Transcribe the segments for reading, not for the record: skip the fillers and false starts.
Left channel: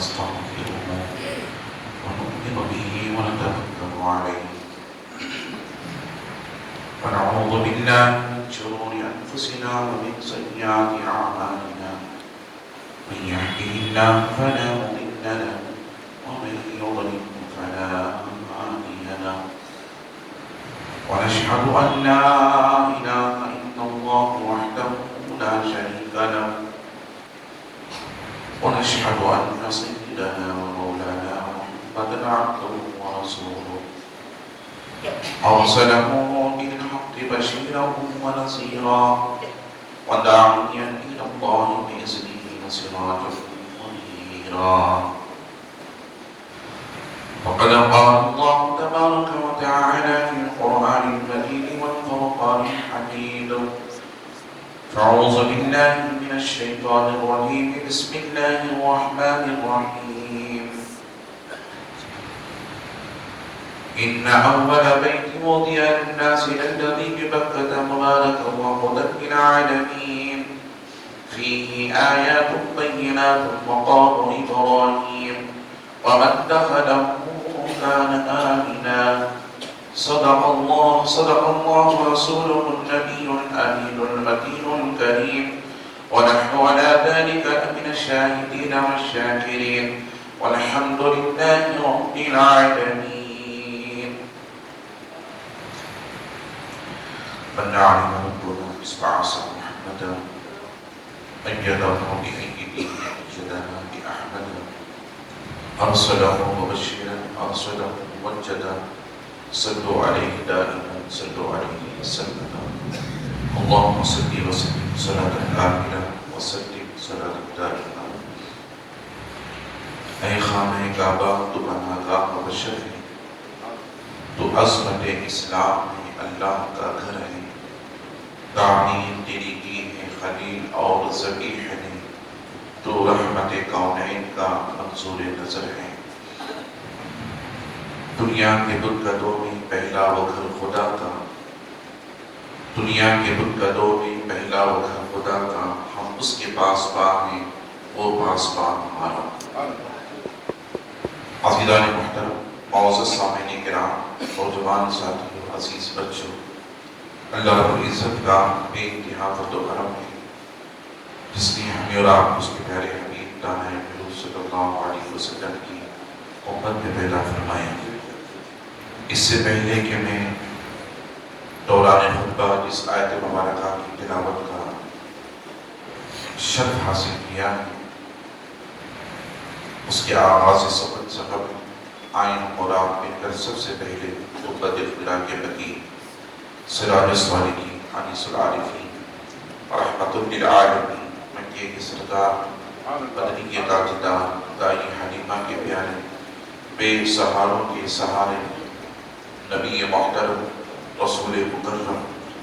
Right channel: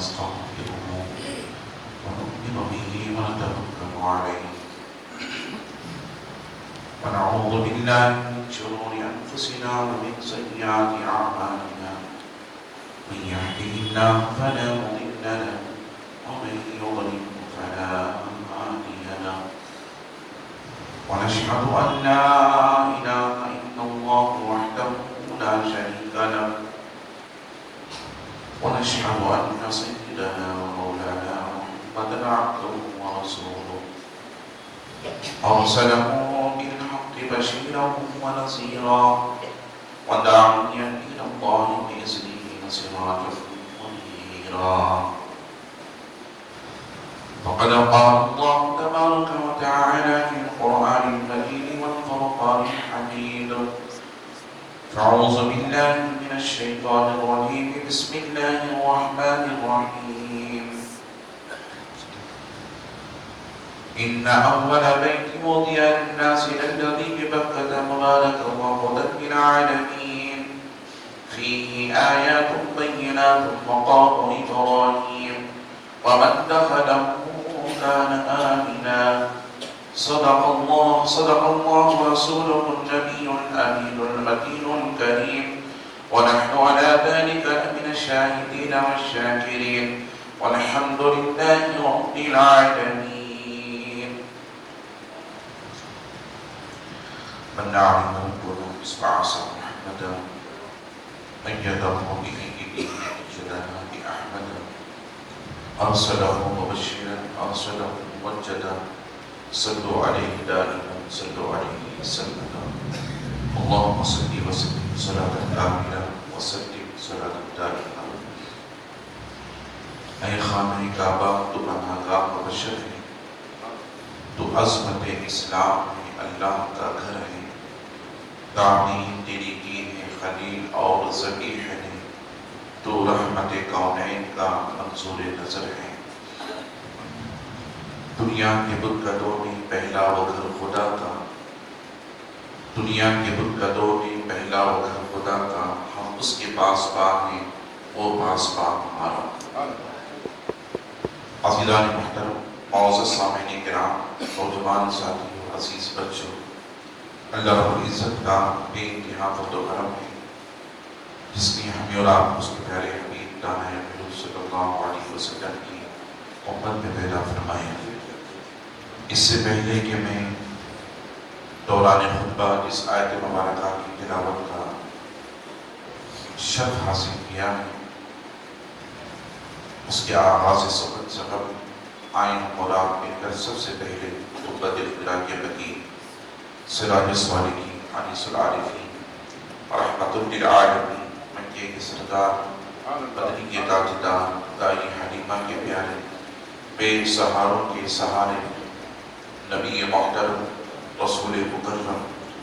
ونستغفره ونؤمن به ونتوكل عليه ونعوذ بالله من شرور أنفسنا ومن سيئات أعمالنا من يهده الله فلا مضل له ومن يضلل فلا هادي له ونشهد أن لا إله إلا الله وحده لا شريك له ونشهد أن سيدنا ومولانا محمدا عبده ورسوله أرسله بالحق بشيرا ونذيرا وداعيا إلى الله بإذنه وسراجا منيرا وقد قال الله تبارك وتعالى في القرآن الكريم والفرقان الحميد أعوذ بالله من الشيطان الرجيم بسم الله الرحمن الرحيم إن أول بيت وضع للناس الذي ببكة مباركا وهدى للعالمين فيه آيات بينات مقام إبراهيم ومن دخله كان آمنا صدق الله ورسوله النبي الأمين المتين الكريم ونحن على ذلك من الشاهدين والشاكرين والحمد لله رب العالمين. من نعلم قلوب إسبعص محمدا أيده بإذنه جلنا بأحمد أرسله مبشرا أرسله موجدا صلوا عليه دائما صلوا عليه وسلم اللهم صل وسلم صلاة كاملة وسلم صلاة دائمة. اے خانہ کعبہ تو پناہگاہ بشر ہے، تو عظمت اسلام میں اللہ کا گھر ہے، تعمیر تیری کی ہے خلیل اور ذبیح ہے، تو رحمت کونین کا منظور نظر ہے۔ دنیا کے بت قدوں میں پہلا وقت خدا کا، دنیا کے بت قدوں میں پہلا وقت خدا کا، ہم اس کے پاس پاک ہیں، وہ پاس پاک ہمارا۔ عزیزان محترم، معزز سامعین کرام، نوجوان ساتھیوں، عزیز بچوں، اللہ رب العزت کا بے انتہا فضل و کرم ہے جس نے ہمیں اور آپ اس کے پیارے حبیب دانا محمد صلی اللہ علیہ وسلم کی امت میں پیدا فرمائے۔ اس سے پہلے کہ میں دوران خطبہ اس آیت مبارکہ کی تلاوت کا شرف حاصل کیا ہے، اس کے آغاز سبق آئین مراد میں کر سب سے پہلے خطبہ دلخلا کے لگی سراج الصالحین انیس العارفین رحمت للعالمین مکے کے سردار قدری کے تاجدار دائی حلیمہ کے پیارے بے سہاروں کے سہارے نبی محترم رسول مکرم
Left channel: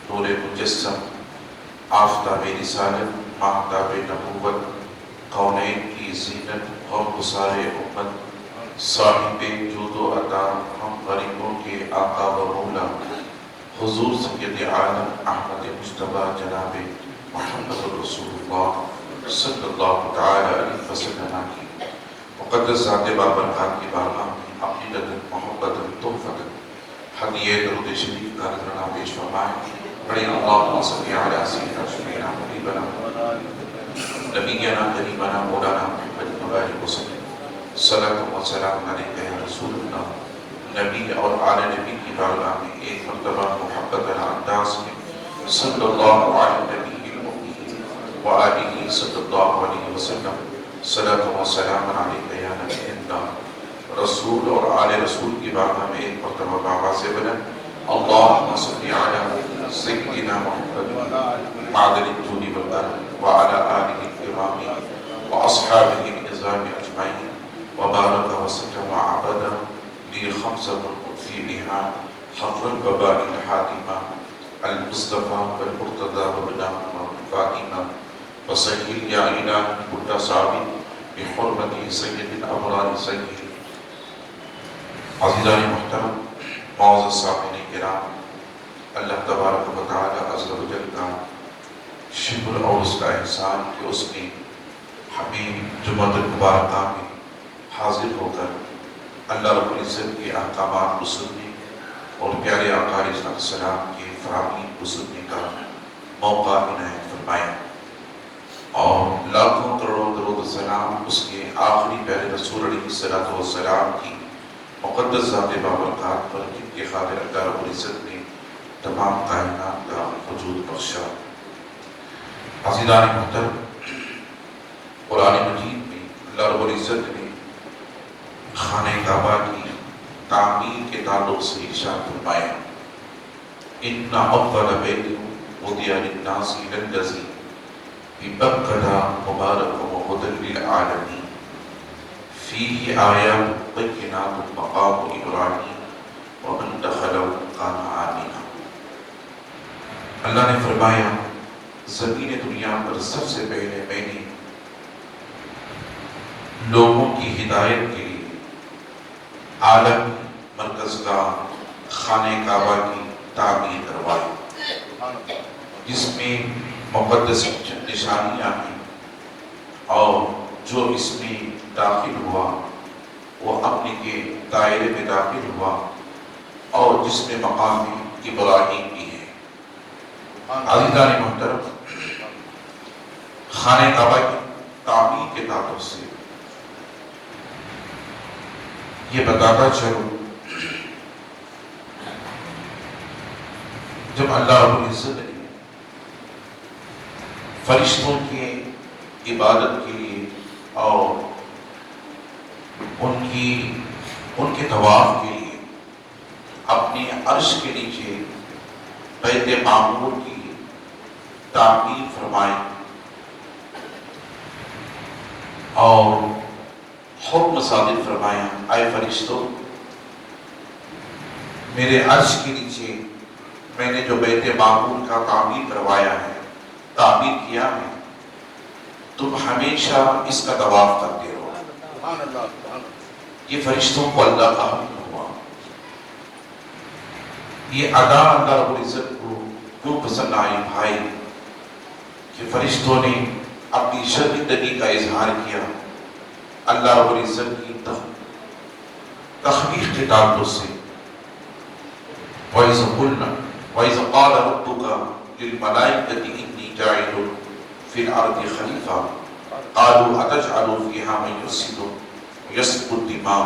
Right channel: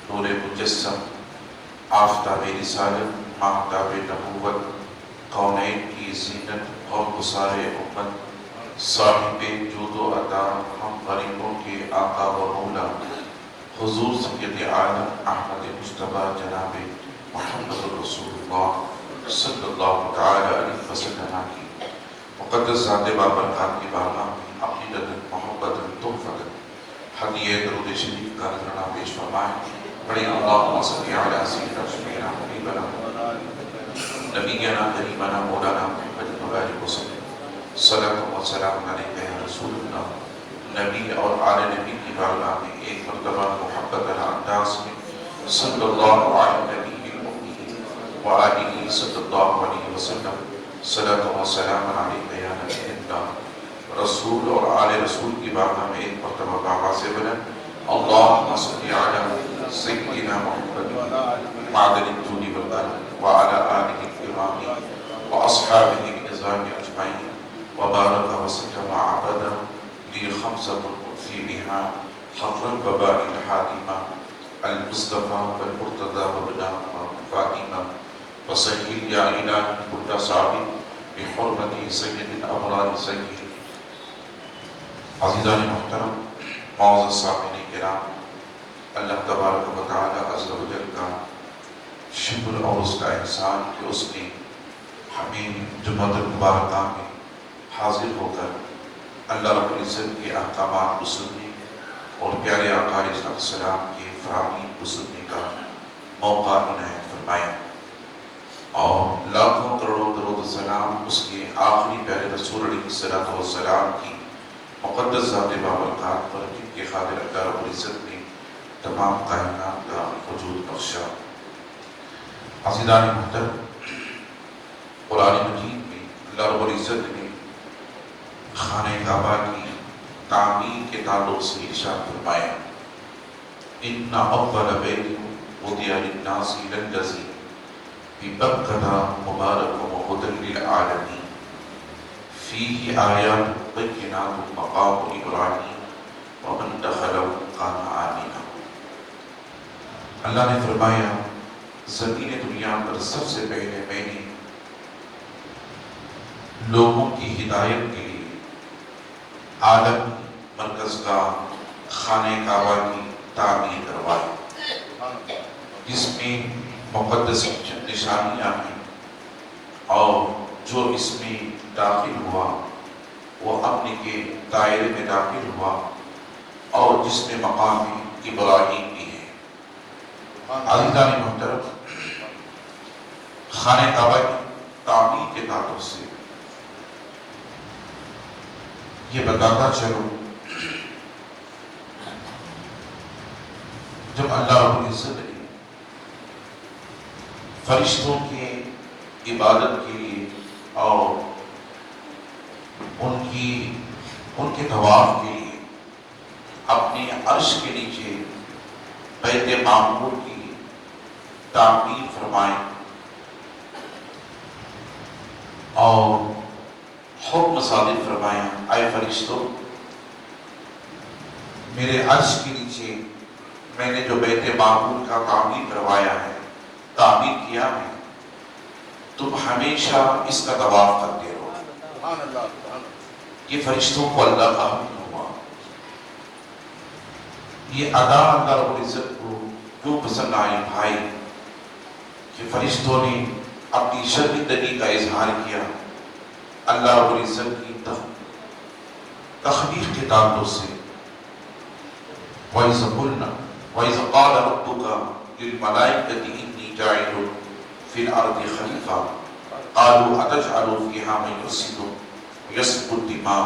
نور مجسم آفتاب رسالت ماہتاب نبوت کونین کی زینت اور گسار امت صاحب جود و عطا ہم غریبوں کے آقا و مولا حضور سید عالم احمد مصطفیٰ جناب محمد رسول اللہ صلی اللہ علیہ وسلم کی مقدس ذات بابرکات کی بارگاہ میں عقیدت محبت تحفت ہدیہ درود شریف کا نذرانہ پیش فرمائیں۔ بڑے اللہم صلی علی سیدنا سیدنا حبیبنا نبینا قریبنا مولانا محمد مبارک وسلم صلاۃ و سلام علیہ یا رسول اللہ۔ نبی اور آل نبی کی بارگاہ میں ایک مرتبہ محبت والا انداز میں صلی اللہ علیہ نبی وآلہ صلی اللہ علیہ وسلم صلاۃ و سلام علیہ یا نبی اللہ۔ رسول اور آل رسول کی بارگاہ میں ایک مرتبہ آواز بلند اللہم صلی علی سیدنا محمد معدن الطول والبرد وعلى آلہ الکرام واصحابہ النظام اجمعین وبارک وسلم عبدا لی خمسة في بها حظ البباء الحاكمة المصطفى والمقتدى والنعمة الفاطمة وسهل يا إلهي كل صعب بحرمة سيد الأبرار سيد۔ عزیزان محترم، معزز سامعین کرام، اللہ تبارک و تعالی عز و جل کا شکر اور اس کا احسان کہ اس نے ہمیں جمعۃ المبارکہ میں حاضر ہو کر اللہ رب العزت کے احکامات کو سننے اور پیارے آقا علیہ السلام کے فرامین کو سننے کا موقع عنایت فرمایا، اور لاکھوں کروڑوں درود سلام اس کے آخری پیارے رسول علیہ السلام کی مقدس ذات بابرکات پر جن کے خاطر اللہ رب العزت نے تمام کائنات کا وجود بخشا۔ عزیزان محترم، قرآن مجید میں اللہ رب العزت نے خانہ کعبہ کی تعمیر کے تعلق سے ارشاد فرمایا، ان اول بیت وضع للناس للذی ببکۃ مبارک وہدی للعالمین فیہ آیات بینات مقام ابراہیم ومن دخلہ کان آمنا۔ اللہ نے فرمایا زمین دنیا پر سب سے پہلے میں نے لوگوں کی ہدایت کے لیے عالم مرکز کا خانہ کعبہ کی تعمیر کروائی، جس میں مقدس نشانیاں ہیں، اور جو اس میں داخل ہوا وہ اپنے کے دائرے میں داخل ہوا، اور جس میں مقام ابراہیم بھی ہے۔ عزیزان محترم، خانہ کعبہ کی تعمیر کے تعلق سے یہ بتاتا چلوں، جب اللہ رب العزت نے فرشتوں کے عبادت کے لیے اور ان کے طواف کے لیے اپنی عرش کے نیچے بیت معمور کی تعمیر فرمائی اور حکم صادر فرمایا، اے فرشتوں، میرے عرش کے نیچے میں نے جو بیت معمور کا تعمیر کروایا ہے، تعمیر کیا ہے، تم ہمیشہ اس کا طواف کرتے رہو۔ یہ فرشتوں کو اللہ کا حکم ہوا۔ یہ ادا اللہ رب العزت کو کیوں پسند آئی بھائی کہ فرشتوں نے اپنی شرمندگی کا اظہار کیا اللہ رب العزت کی تخلیق کے تعلق سے۔ وَإِذْ قُلْنَا وَإِذْ قَالَ رَبُّكَ لِلْمَلَائِكَةِ إِنِّي جَاعِلٌ فِي الْأَرْضِ خَلِيفَةً قَالُوا أَتَجْعَلُ فِيهَا مَن يُفْسِدُ وَيَسْفِكُ الدِّمَاءَ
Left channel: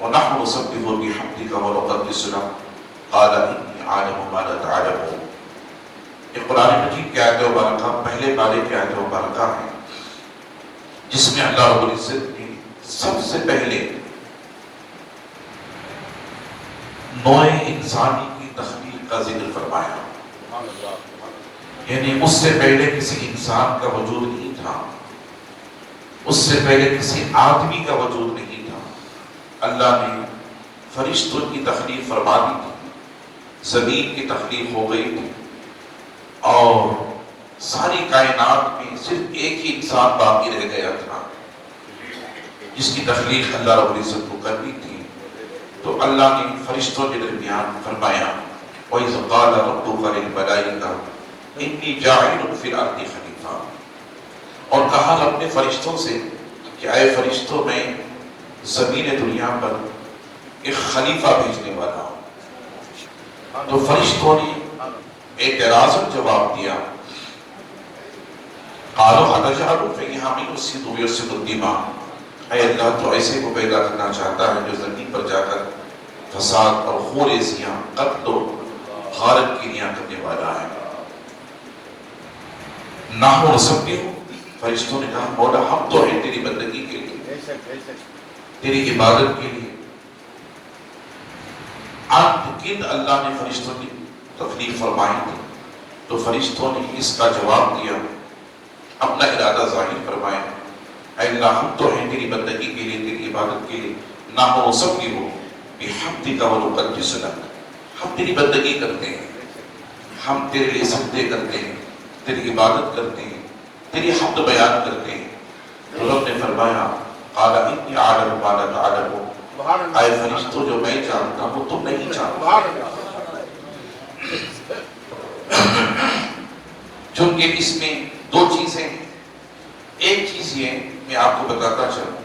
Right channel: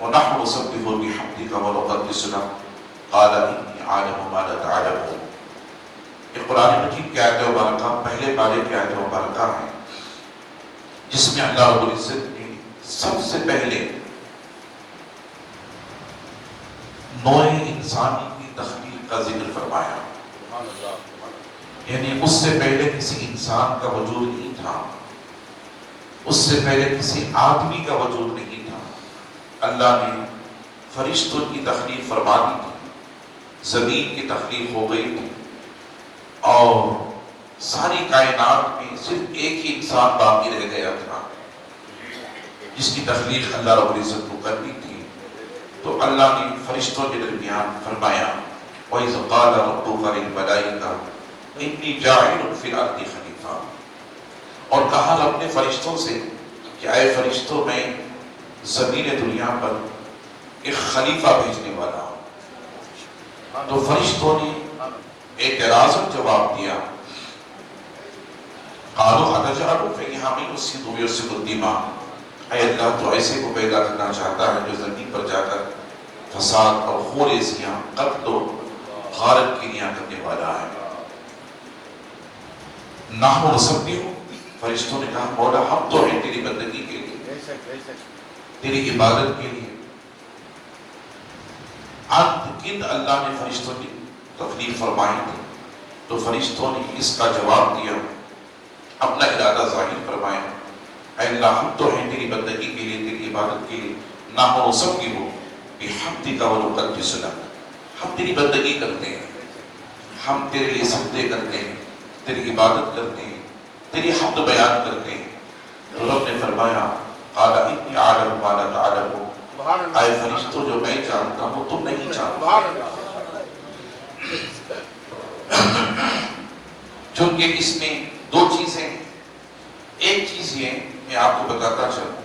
وَنَحْنُ نُسَبِّحُ بِحَمْدِكَ وَنُقَدِّسُ لَكَ قَالَ إِنِّي أَعْلَمُ مَا لَا تَعْلَمُونَ۔ یہ قرآن مجید کی آیت مبارکہ پہلے بارے کی آیت مبارکہ ہے، جس میں اللہ رب العزت نے سب سے پہلے نوع انسانی کی تخلیق کا ذکر فرمایا، یعنی اس سے پہلے کسی انسان کا وجود نہیں تھا، اس سے پہلے کسی آدمی کا وجود نہیں تھا۔ اللہ نے فرشتوں کی تخلیق فرما دی تھی، زمین کی تخلیق ہو گئی تھی، اور ساری کائنات میں صرف ایک ہی انسان باقی رہ گیا تھا جس کی تخلیق اللہ رب العزت کو کرنی تھی۔ تو اللہ نے فرشتوں کے درمیان فرمایا، وَإِذْ قَالَ رَبُّكَ لِلْمَلَائِكَةِ إِنِّي جَاعِلٌ فِي الْأَرْضِ خَلِيفَةً، اور کہا اپنے فرشتوں سے کہ اے فرشتوں، میں زمین دنیا پر ایک خلیفہ بھیجنے والا ہوں۔ تو فرشتوں نے اعتراضاً جواب دیا، قَالُوا أَتَجْعَلُ فِيهَا مَن يُفْسِدُ وَيَسْفِكُ الدِّمَاءَ، اے اللہ تو ایسے کو پیدا کرنا چاہتا ہے جو زمین پر جا کر فساد اور خونریزیاں، قتل و غارت کیلیاں کرنے والا ہے۔ نحن نسبح، فرشتوں نے کہا مولا ہم تو ہیں تیری بندگی کے لیے، تیری عبادت کے لیے۔ کن اللہ نے فرشتوں کی تخلیق فرمائی تھی، تو فرشتوں نے اس کا جواب دیا، اپنا ارادہ ظاہر فرمایا، اے اللہ ہم تو ہیں تیری بندگی کے لیے، تیری عبادت کے لیے، نحن نسبح بحمدک ونقدس لک، ہم تیری بندگی کرتے ہیں، ہم تیرے لیے سجدے کرتے ہیں، تیری عبادت کرتے ہیں، تیری حمد بیان کرتے ہیں۔ تو رب نے فرمایا، قال انی اعلم ما لا تعلمون، اے فرشتوں جو میں جانتا ہوں تم نہیں جانتے۔ چونکہ اس میں دو چیزیں ہیں، ایک چیز یہ میں آپ کو بتاتا چلوں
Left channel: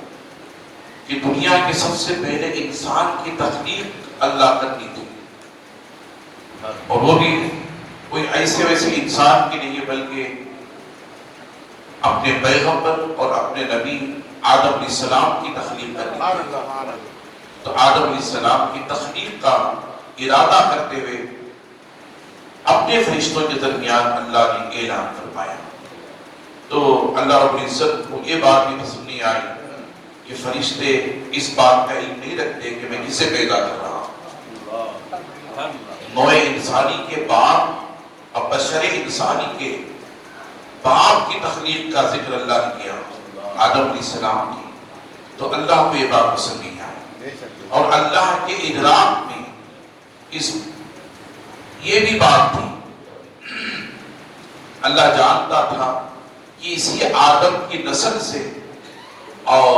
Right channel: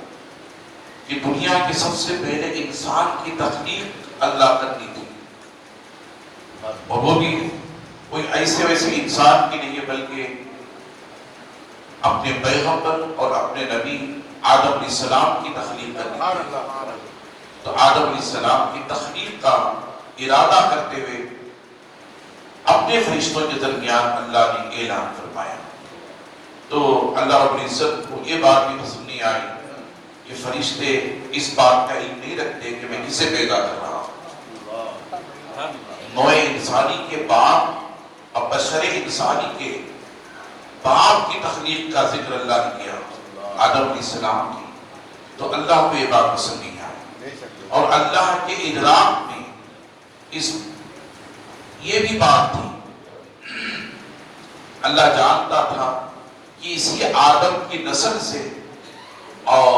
کہ دنیا کے سب سے پہلے انسان کی تخلیق اللہ کرنی تھی، اور وہ بھی کوئی ایسے ویسے انسان کے لیے بلکہ اپنے پیغمبر اور اپنے نبی آدم علیہ السلام کی تخلیق کرنی تھی۔ تو آدم علیہ السلام کی تخلیق کا ارادہ کرتے ہوئے اپنے فرشتوں کے درمیان اللہ نے اعلان فرمایا۔ تو اللہ رب العزت کو یہ بات بھی پسند نہیں آئی کہ فرشتے اس بات کا علم نہیں رکھتے کہ میں کسے پیدا کر رہا ہوں۔ نوع انسانی کے باپ اور بشر انسانی کے باپ کی تخلیق کا ذکر اللہ نے کیا آدم علیہ السلام کی، تو اللہ کو یہ بات پسند نہیں آئی۔ اور اللہ کے ادراک میں یہ بھی بات تھی، اللہ جانتا تھا کہ اسی آدم کی نسل سے اور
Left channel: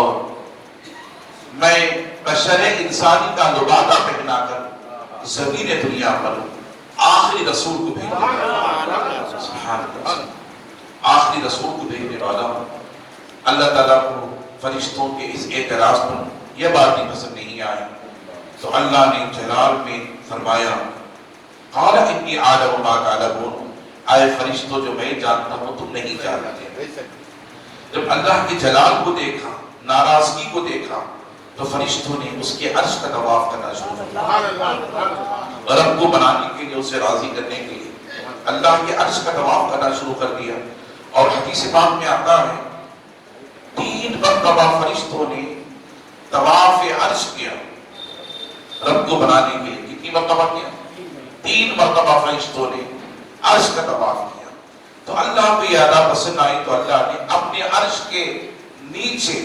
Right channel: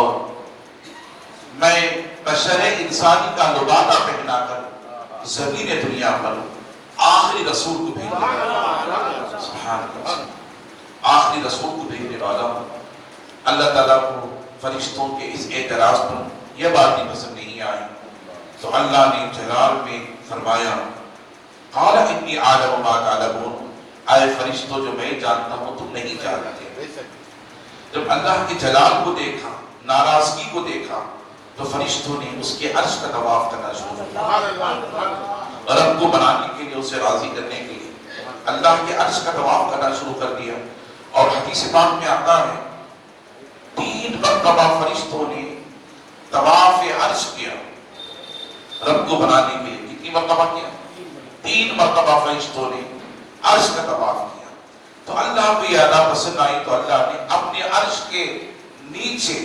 میں بشر انسانی کا لبادہ پہنا کر زمین دنیا پر آخری رسول کو آخری رسول کو بھیجنے والا ہوں۔ اللہ تعالیٰ کو فرشتوں کے اس اعتراض پر یہ بات نہیں پسند نہیں آئی، تو اللہ نے جلال میں فرمایا قال انی اعلم ما تعلمون، اے فرشتوں جو میں جانتا ہوں تم نہیں جانتے۔ جب اللہ کے جلال کو دیکھا، ناراضگی کو دیکھا، تو فرشتوں نے اس کے عرش کا طواف کرنا شروع کیا، رب کو بنانے کے لیے، اسے راضی کرنے کے لیے اللہ کے عرش کا طواف کرنا شروع کر دیا۔ اور حدیث پاک میں آتا ہے 3 مرتبہ فرشتوں نے طواف عرش کیا رب کو بنانے کے لیے۔ کتنی مرتبہ کیا؟ 3 مرتبہ فرشتوں نے عرش کا طواف کیا۔ تو اللہ کو یہ ادا پسند آئی، تو اللہ نے اپنے عرش کے نیچے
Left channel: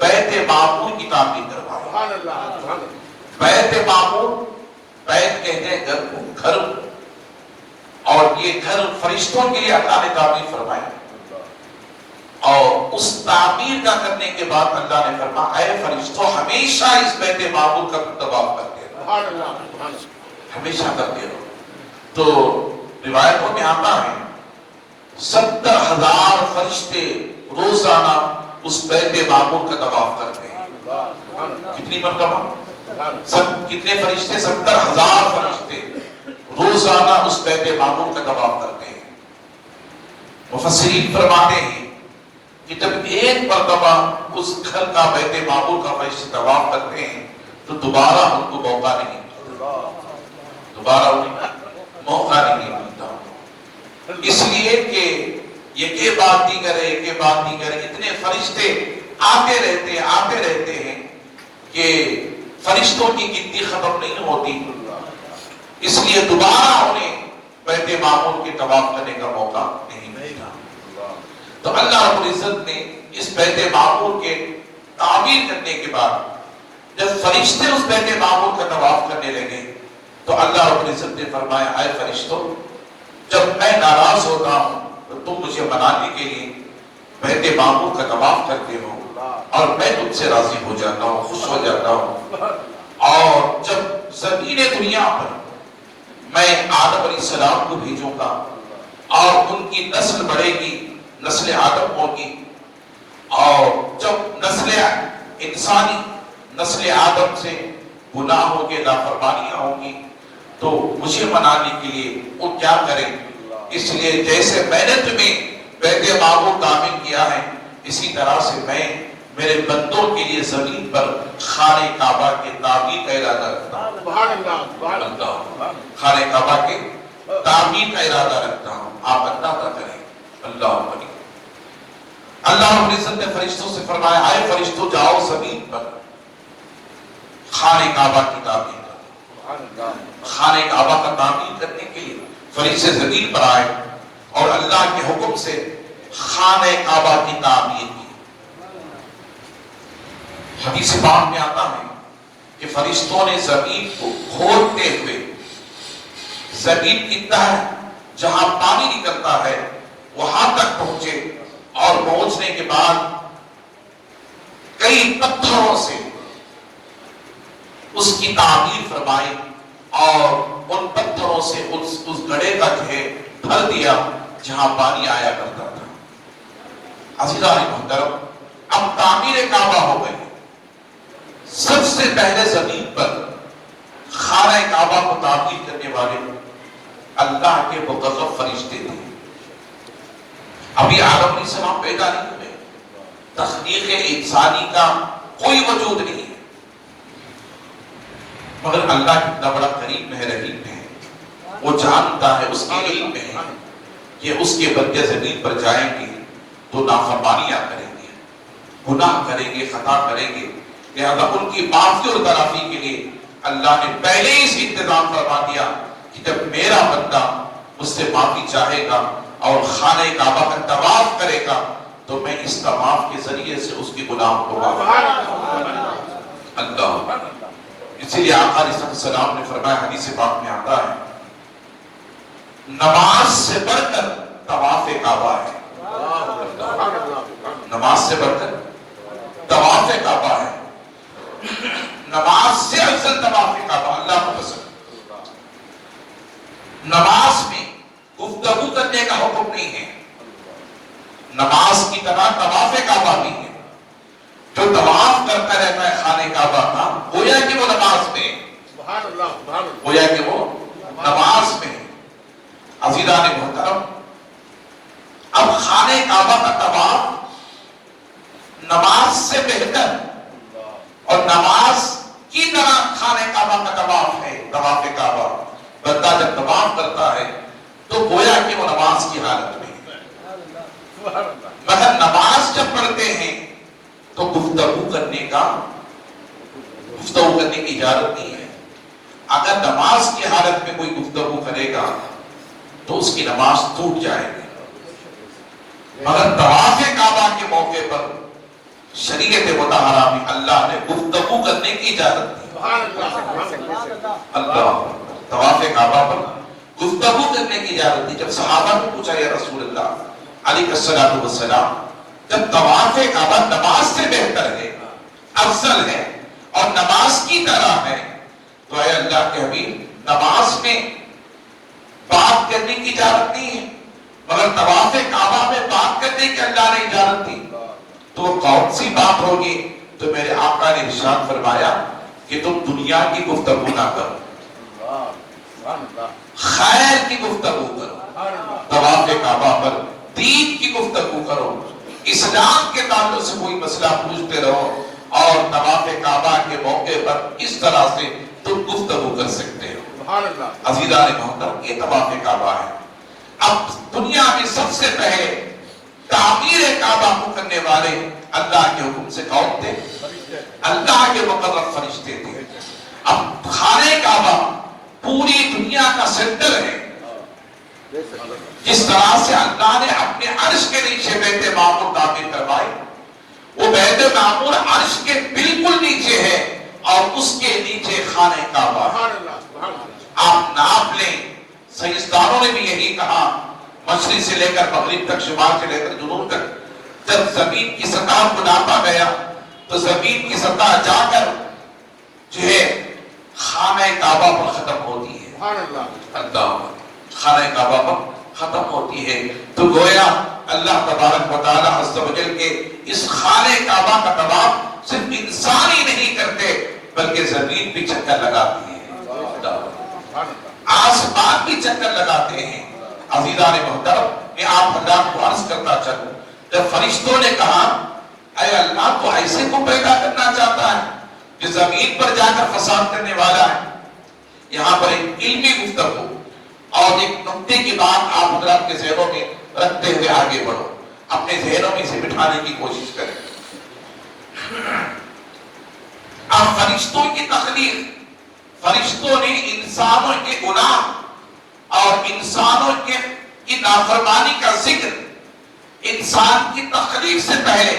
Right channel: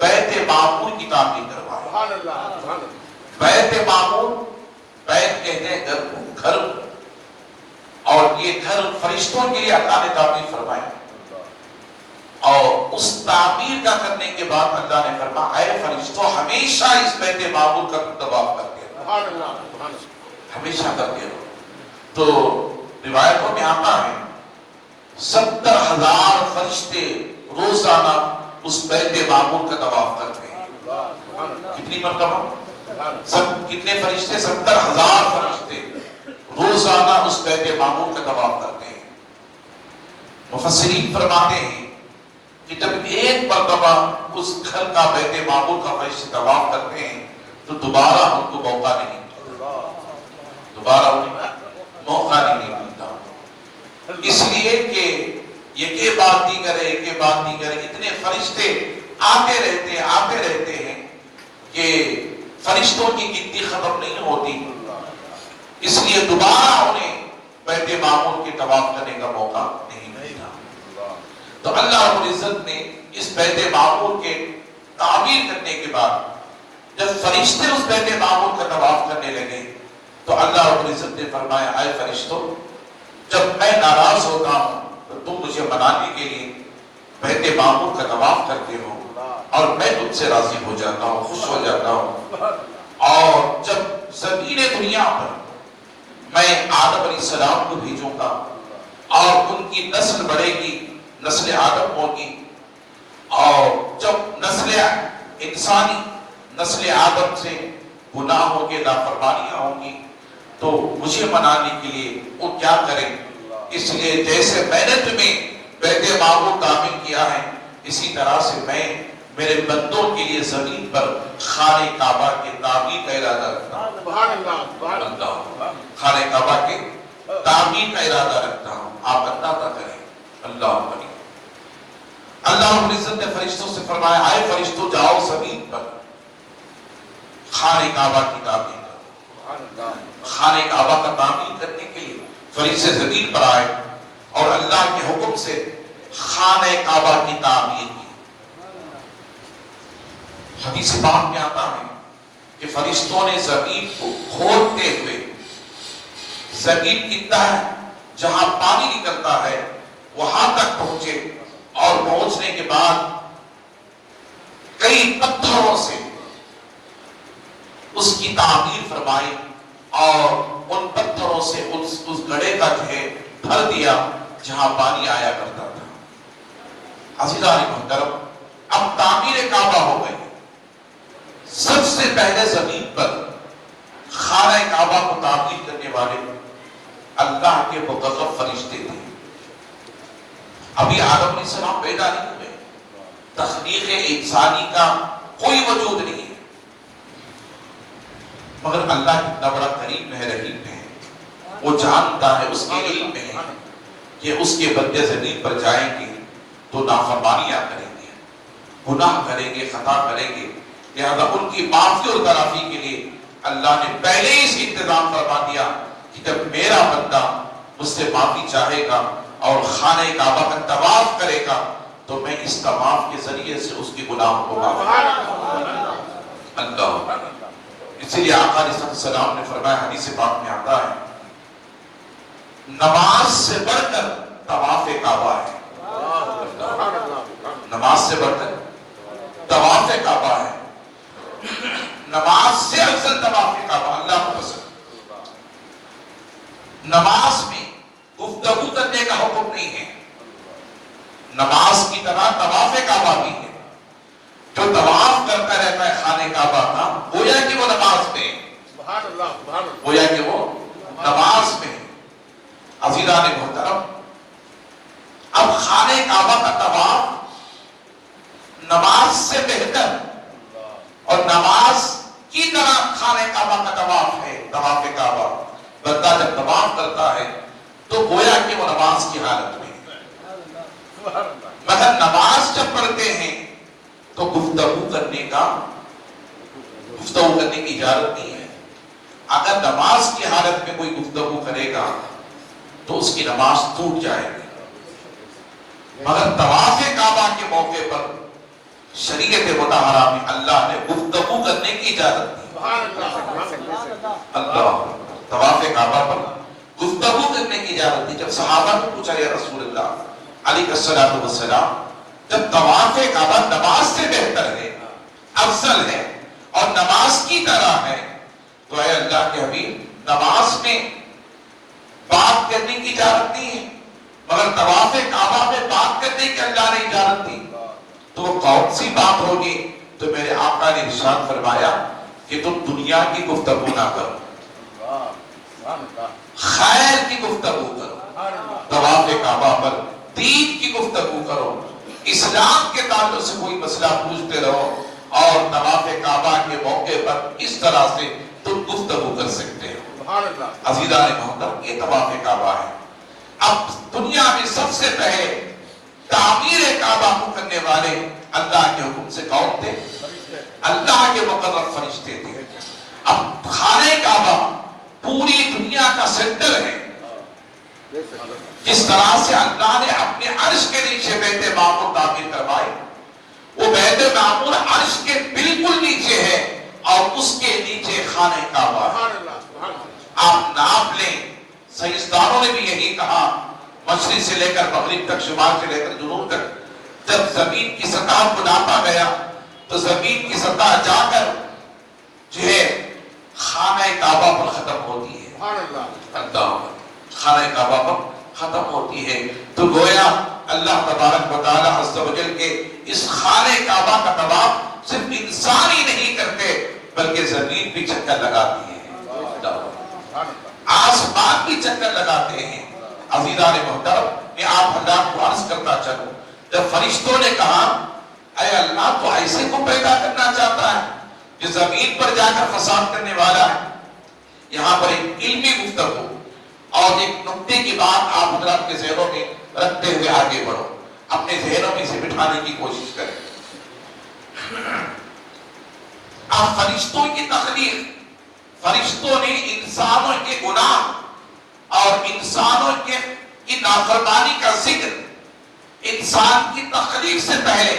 بیت معمور کی تعمیر کروائی۔ بیت معمور، بیت کہتے ہیں گھر کو، گھر، اور یہ گھر فرشتوں کے لیے اللہ نے تعمیر فرمایا۔ اور اس تعمیر کا کرنے کے بعد اللہ نے فرمایا اے فرشتوں ہمیشہ اس بیت معمور کا طواف کرتے رہو، ہمیشہ کرتے رہو۔ تو روایتوں میں آتا ہے 70,000 فرشتے روزانہ اس بیت معمور کا طواف کرتے ہیں۔ کتنی مرتبہ؟ کتنے فرشتے؟ 70,000 فرشتے روزانہ اس بیت معمور کا طواف کرتے ہیں۔ مفسرین فرماتے ہیں کہ جب ایک مرتبہ اس گھر کا بیت معمور کا فرشتے طواف کرتے ہیں تو دوبارہ ان کو موقع نہیں ملتا، دوبارہ موقع نہیں ملتا، اس لیے کہ یہ بات نہیں کرے، یہ بات نہیں کرے، اتنے فرشتے آتے رہتے ہیں کہ فرشتوں کی گنتی ختم نہیں ہوتی، اس لیے دوبارہ انہیں بیت معمور کے طواف کرنے کا موقع نہیں ملتا۔ تو اللہ رب العزت نے اس بیت معمور کے تعمیر کرنے کے بعد جب فرشتے اس بیت معمور کا طواف کرنے لگے تو اللہ رب العزت نے فرمایا اے فرشتوں جب میں ناراض ہوتا ہوں تو تم مجھے منانے کے لیے بیت معمور کا طواف کرتے ہو اور میں تم سے راضی ہو جاتا ہوں، خوش ہو جاتا ہوں۔ اور جب زمین دنیا پر میں آدم علیہ السلام کو بھیجوں گا اور ان کی نسل بڑھے گی، نسل آدم ہوگی، اور جب نسل انسانی نسل آدم سے گناہوں کے نافرمانیاں ہوں گی تو مجھے منانے کے لیے وہ کیا کریں؟ اس لیے جیسے میں نے تمہیں بیت معمور تعمیر کیا ہے اسی طرح سے میں میرے بندوں کے لیے زمین پر خانہ کعبہ کے تعمیر کا ارادہ رکھتا ہوں، خانہ کعبہ کے تعمیر کا ارادہ رکھتا ہوں، آپ اندازہ کریں۔ اللہ اکبر۔ اللہ رب العزت نے فرشتوں سے فرمایا اے فرشتوں جاؤ زمین پر خانہ کعبہ کی تعمیر کرو۔ خانہ کعبہ کا تعمیر کرنے کے لیے فرشتے زمین پر آئے اور اللہ کے حکم سے خانہ کعبہ کی تعمیر کی۔ حدیث پاک میں آتا ہے کہ فرشتوں نے زمین کو کھودتے ہوئے زمین کی تہ جہاں پانی نکلتا ہے وہاں تک پہنچے، اور پہنچنے کے بعد کئی پتھروں سے اس کی تعمیر فرمائی اور ان پتھروں سے اس گڑھے کا بھر دیا جہاں پانی آیا کرتا تھا۔ عزیزان محترم، اب تعمیر کعبہ ہو گئی، سب سے پہلے زمین پر خانہ کعبہ کو تعمیر کرنے والے اللہ کے مقرب فرشتے تھے. ابھی آدم علیہ السلام پیدا نہیں ہوئے، تخلیق انسانی کا کوئی وجود نہیں ہے، مگر اللہ کتنا بڑا کریم ہے، رحیم ہے. وہ جانتا ہے، اس کے علم میں ہے کہ اس کے بندے زمین پر جائیں گے تو نافرمانیاں کریں گے، گناہ کریں گے، خطا کریں گے. لہذا ان کی معافی اور تلافی کے لیے اللہ نے پہلے ہی سے انتظام فرما دیا کہ جب میرا بندہ مجھ سے معافی چاہے گا اور خانہ کعبہ کا طواف کرے گا تو میں اس طواف کے ذریعے سے اس کی گناہ کو معاف کروں گا. اللہ، اسی لیے آقا علیہ السلام نے فرمایا، حدیث پاک میں آتا ہے، نماز سے بڑھ کر طواف کعبہ ہے. نماز سے بڑھ کر طواف کعبہ ہے. نماز سے افضل طواف کعبہ اللہ کو پسند. نماز میں گفتگو کرنے کا حکم نہیں ہے، نماز کی طرح طواف کعبہ بھی ہے. جو طواف کرتا رہتا ہے خانہ کعبہ کا، گویا کہ وہ نماز میں ہے، گویا کہ وہ نماز میں ہے. عزیزان محترم، اب خانہ کعبہ کا طواف نماز سے بہتر اور نماز کی طرح خانہ کعبہ کا طواف ہے. طواف کعبہ بندہ جب طواف کرتا ہے تو گویا کہ وہ نماز کی حالت میں ہے. مگر نماز جب پڑھتے ہیں تو گفتگو کرنے کی اجازت نہیں ہے. اگر نماز کی حالت میں کوئی گفتگو کرے گا تو اس کی نماز ٹوٹ جائے گی. مگر طواف کعبہ کے موقع پر شریعت مطہرہ میں اللہ نے گفتگو کرنے کی اجازت دی. اللہ، طواف کعبہ پر گفتگو کرنے کی اجازت دی. جب صحابہ نے پوچھا، یا رسول اللہ علیہ السلام، جب طواف کعبہ نماز سے بہتر ہے، افضل ہے اور نماز کی طرح ہے، تو اے اللہ کے حبیب، نماز میں بات کرنے کی اجازت نہیں ہے مگر طواف کعبہ میں بات کرنے کی اللہ نے اجازت دی، تو وہ کون سی بات ہوگی؟ تو میرے آقا نے ارشاد فرمایا کہ تم دنیا کی گفتگو نہ کرو، خیر کی گفتگو کرو. طواف کعبہ پر دین کی گفتگو کرو، اسلام کے تعلق سے کوئی مسئلہ پوچھتے رہو، اور طواف کعبہ کے موقع پر اس طرح سے تم گفتگو کر سکتے ہو. عزیزان محترم، یہ طواف کعبہ ہے. اب دنیا میں سب سے پہلے تعمیر کعبہ کو کرنے والے اللہ کے حکم سے کون تھے؟ اللہ کے مقرب فرشتے تھے. اب خانہ کعبہ پوری دنیا کا سینٹر ہے. جس طرح سے اللہ نے اپنے عرش کے نیچے بیت معمور تعمیر کروائے، وہ بیت معمور عرش کے بالکل نیچے ہے اور اس کے نیچے خانہ کعبہ ہے. آپ ناپ لیں، سائنسدانوں نے بھی یہی کہا، مشرق سے لے کر مغرب تک، شمال سے لے کر جنوب تک، جب زمین کی سطح کو ناپا گیا تو زمین کی سطح جا کر جو ہے خانہ کعبہ پر ختم ہوتی ہے. اللہ، خانہ کعبہ پر ختم ہوتی ہے. تو گویا اللہ تبارک و تعالی عز و جل کے اس خانہ کعبہ کا طواف صرف انسان ہی نہیں کرتے بلکہ زمین بھی چکر لگاتی ہے، آسمان بھی چکر لگاتے ہیں. عزیزان محترم، میں آپ حضرات کو عرض کرتا چلوں، جب فرشتوں نے کہا اے اللہ تو ایسے کو پیدا کرنا چاہتا ہے جو زمین پر جا کر فساد کرنے والا ہے. یہاں پر ایک علمی گفتگو اور ایک نقطے کی بات آپ حضرات کے ذہنوں میں رکھتے ہوئے آگے بڑھو، اپنے ذہنوں میں اسے بٹھانے کی کوشش کریں. اب فرشتوں کی تخلیق، فرشتوں نے انسانوں کے گناہ اور انسانوں کی نافرمانی کا ذکر انسان کی تخلیق سے پہلے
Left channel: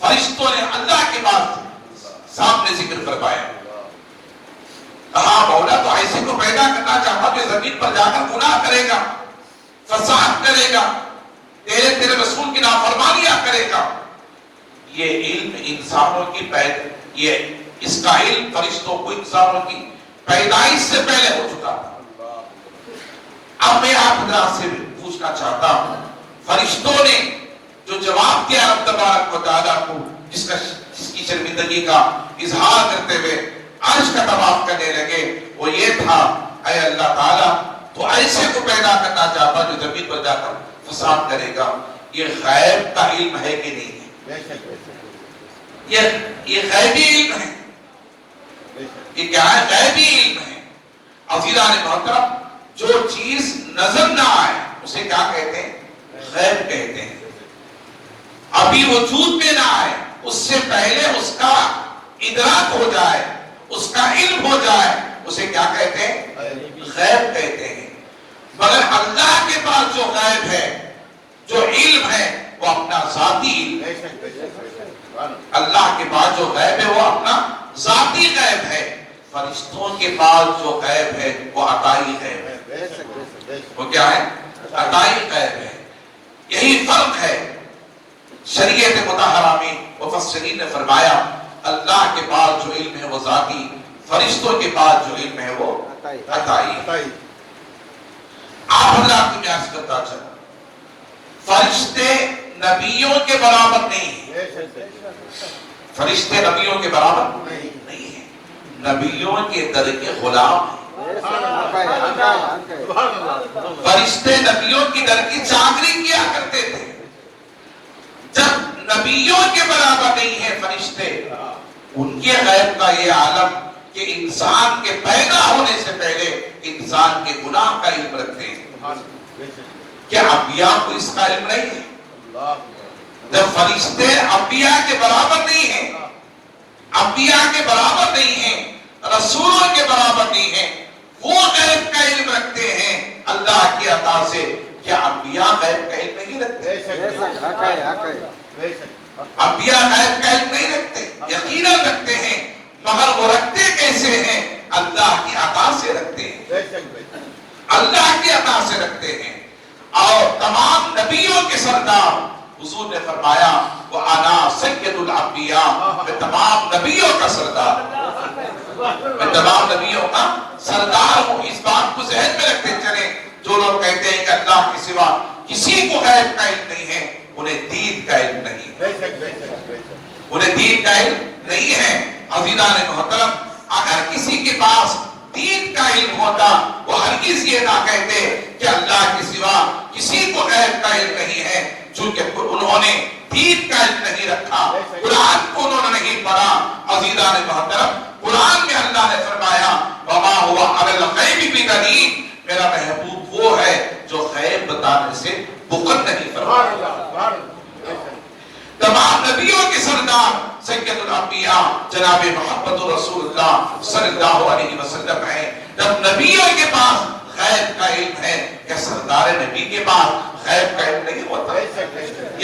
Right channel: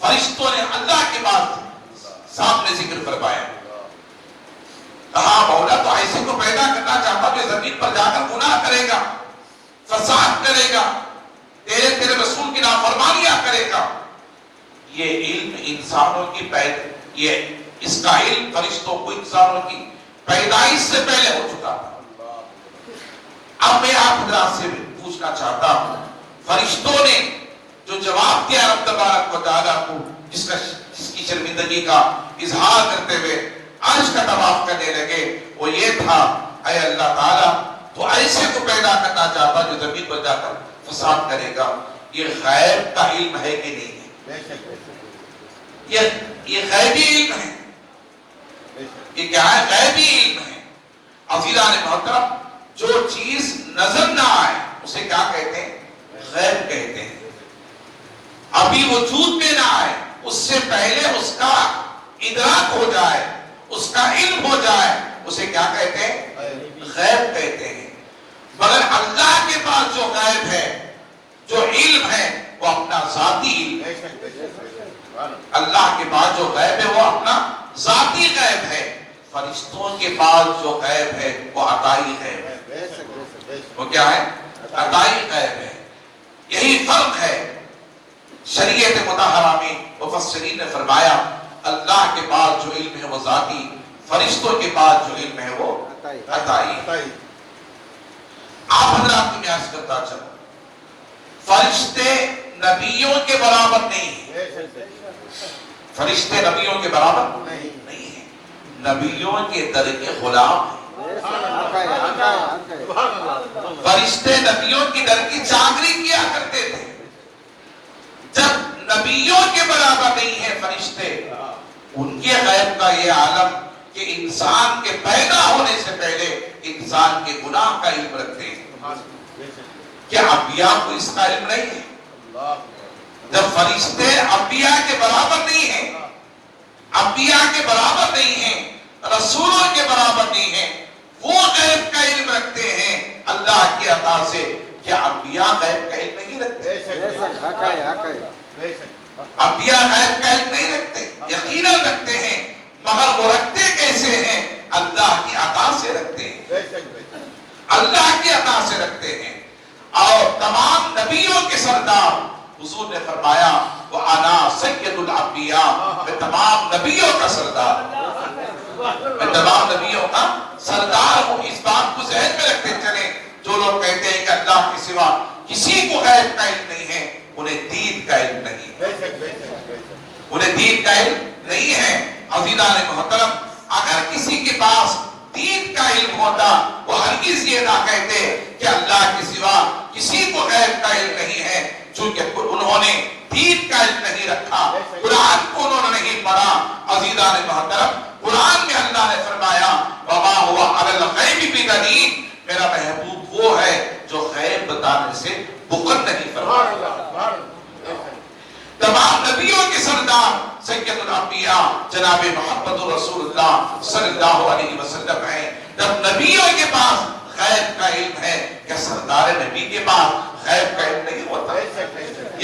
فرشتوں نے اللہ کے بعد سامنے ذکر کروایا. کہا مولا تو ایسے کو پیدا کرنا چاہتا کہ زمین پر جا کر گناہ کرے گا، فساد کرے گا، تیرے رسول کی نافرمانیاں کرے گا. یہ علم انسانوں کی اس کا علم فرشتوں کو انسانوں کی پیدائش سے پہلے ہو چکا. اب میں آپ حضرات سے پوچھنا چاہتا ہوں، فرشتوں نے جو جواب دیا رب تبارک و تعالیٰ کو، جس کا جس کی شرمندگی کا اظہار کرتے ہوئے عرش کا طواف کرنے لگے وہ یہ تھا، اے اللہ تعالیٰ تو ایسے کو پیدا کرنا چاہتا جو زمین پر جا کر فساد کرے گا۔ یہ غیب کا علم ہے کہ نہیں ہے؟ یہ غیبی علم ہے، یہ کیا ہے؟ غیبی علم ہے۔ عزیزان محترم، جو چیز نظر نہ آئے اسے کیا کہتے ہیں؟ غیب کہتے ہیں۔ ابھی وجود میں نہ آئے، اس سے پہلے اس کا ادراک ہو جائے، اس کا علم ہو جائے، اسے کیا کہتے ہیں؟ غیب کہتے ہیں۔ مگر اللہ کے پاس جو غیب ہے، جو علم ہے، وہ اپنا ذاتی علم ہے۔ اللہ کے پاس جو غیب ہے وہ اپنا ذاتی غیب ہے۔ فرشتوں کے پاس جو غیب ہے وہ عطائی غیب ہے۔ وہ کیا ہے؟ عطائی غیب ہے۔ یہی فرق ہے۔ شریعت مطہرہ میں مفسرین نے فرمایا اللہ کے پاس جو علم ہے وہ ذاتی، فرشتوں کے پاس جو علم ہے وہ عطائی۔ آپ حضرات کو میں عرض کرتا چلوں، فرشتے نبیوں کے برابر نہیں ہیں۔ فرشتے نبیوں کے برابر نہیں ہیں، نبیوں کے در کے غلام ہیں۔ فرشتے نبیوں کی در کی چاکری کیا کرتے تھے۔ جب نبیوں کے برابر نہیں ہیں فرشتے، ان کے غیب کا یہ عالم کہ انسان کے پیدا ہونے سے پہلے انسان کے گناہ کا علم رکھتے ہیں۔ کیا انبیاء کو اس کا علم نہیں ہے؟ جب فرشتے انبیاء کے برابر نہیں ہیں، انبیاء کے برابر نہیں ہیں، رسولوں کے برابر نہیں ہیں، وہ غیب کا علم رکھتے ہیں اللہ کی عطا سے، کیا انبیاء غیب کا علم نہیں رکھتے؟ انبیاء غیب کا علم نہیں رکھتے، یقیناً رکھتے ہیں، مگر وہ رکھتے کیسے ہیں؟ اللہ کی عطا سے رکھتے ہیں، اللہ کی عطا سے رکھتے ہیں۔ اور تمام نبیوں کے سردار، حضور نے فرمایا وَأَنَا سَيِّدُ الْأَنبِيَاء، میں تمام نبیوں کا سردار ہوں، میں تمام نبیوں کا سردار ہوں۔ اس بات کو ذہن میں رکھتے چلیں، جو لوگ کہتے ہیں کہ اللہ کے سوا کسی کو غیب کا علم نہیں ہے، انہیں دین کا علم نہیں ہے، انہیں دین کا علم نہیں ہے۔ عزیزان محترم، اگر کسی کے پاس دین کا علم ہوتا وہ ہرگز یہ نہ کہتے کہ اللہ کے سوا کسی کو غیب کا علم نہیں ہے، چونکہ انہوں نے دین کا علم نہیں رکھا، قرآن کو انہوں نے نہیں پڑھا۔ عزیزان محترم، قرآن میں اللہ نے فرمایا وَمَا هُوَ عَلَى الْغَيْبِ بِضَنِينٍ، میرا محبوب وہ ہے جو غیب بتانے سے بخل نہیں کرتا۔ تمام نبیوں کے سردار سید الانبیاء جناب محمد رسول اللہ صلی اللہ علیہ وسلم ہیں۔ جب نبیوں کے پاس غیب کا علم ہے، یا سردار نبی کے پاس غیب کا علم نہیں ہوتا؟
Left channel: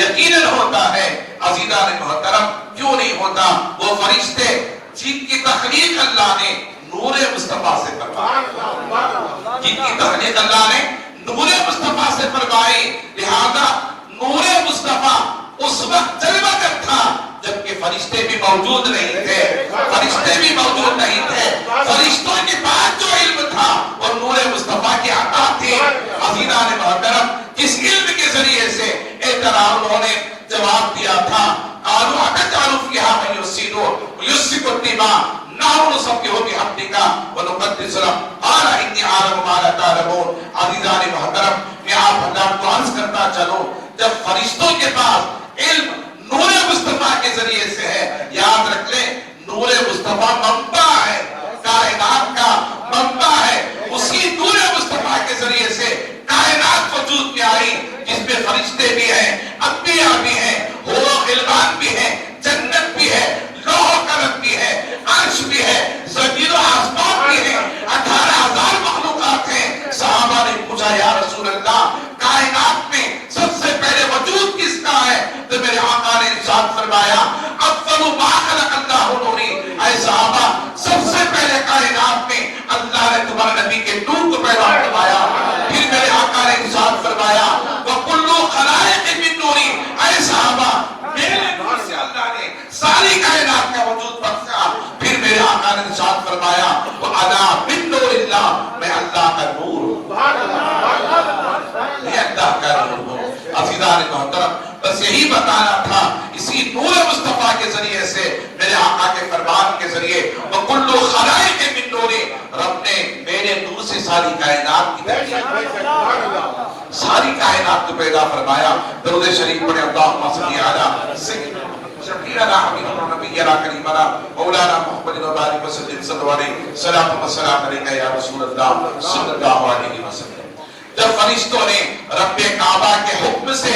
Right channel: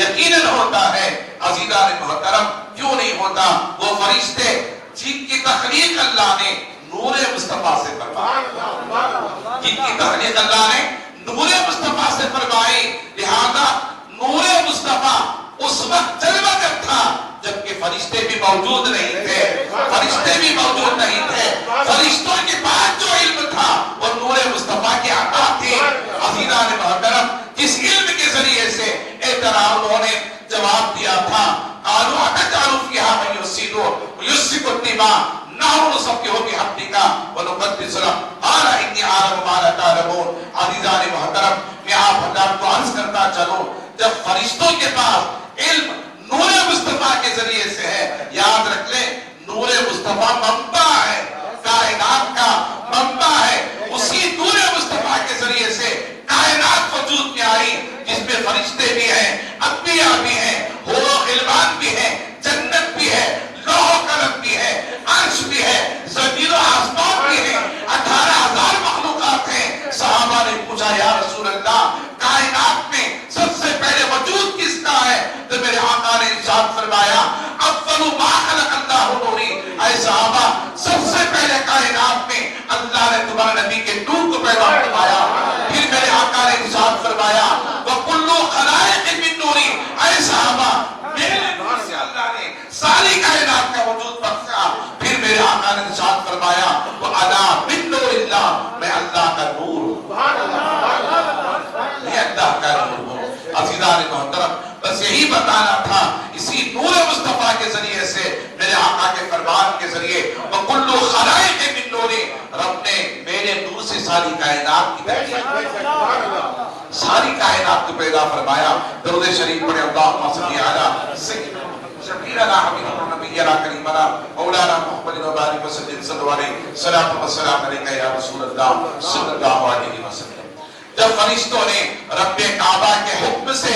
یقیناً ہوتا ہے۔ عزیزان محترم، کیوں نہیں ہوتا؟ وہ فرشتے جن کی تخلیق اللہ نے نور مصطفیٰ سے فرمائی، جن کی تخلیق اللہ نے نور مصطفیٰ سے فرمائی، لہذا نور مصطفیٰ اس وقت جلوہ گر تھا جبکہ فرشتے بھی موجود نہیں تھے، فرشتے بھی موجود نہیں تھے۔ فرشتوں کے پاس جو علم تھا وہ نور مصطفیٰ کی عطا تھی۔ عزیزان محترم، کس علم کے ذریعے سے انہوں نے جواب دیا تھا قالوا أتجعل فيها من يفسد ويسفك الدماء نحن نسبح بحمدك ونقدس لك قال إني أعلم ما لا تعلمون۔ عزیزان محترم، میں آپ حضرات کو عرض کرتا چلوں، جب فرشتوں کے پاس علم نور مصطفیٰ کے ذریعے سے ہے، یاد رکھ لیں نور مصطفیٰ منبع ہے، کائنات کا منبع ہے۔ اسی نور مصطفیٰ کے ذریعے سے کائنات وجود میں آئی، جس میں فرشتے بھی ہیں، انبیاء بھی ہیں، حور و غلمان بھی ہیں، جنت بھی ہے، لوح و قلم بھی ہے، عرش بھی ہے، زمین و آسمان بھی ہے، 18,000 مخلوقات ہیں۔ صحابہ نے پوچھا یا رسول اللہ، کائنات میں سب سے پہلے وجود کس کا ہے؟ تو میرے آقا نے ارشاد فرمایا اول ما خلق اللہ نوری، اے صحابہ سب سے پہلے کائنات میں اللہ نے تمہارے نبی کے نور کو پیدا کروایا۔ پھر میرے آقا نے ارشاد فرمایا وکل خلائق من نوری، اے صحابہ میرے نور سے اللہ نے ساری کائنات کا وجود بخشا۔ پھر میرے آقا نے ارشاد فرمایا وانا من نور اللہ، میں اللہ کا نور ہوں، میں اللہ کا نور ہوں۔ عزیزان محترم، بس یہی بتانا تھا، اسی نور مصطفیٰ کے ذریعے سے ساری کائنات کی ساری کائنات کو پیدا فرمایا. درود شریف پڑھے اللہم صلی علی سیدنا شفیعنا حبیبنا نبینا کریمنا مولانا محمد وبارک وسلم صلی اللہ علیہ صلاۃ و سلام علیک یا رسول اللہ صلی اللہ علیہ وسلم. جب فرشتوں نے رب کعبہ کے حکم سے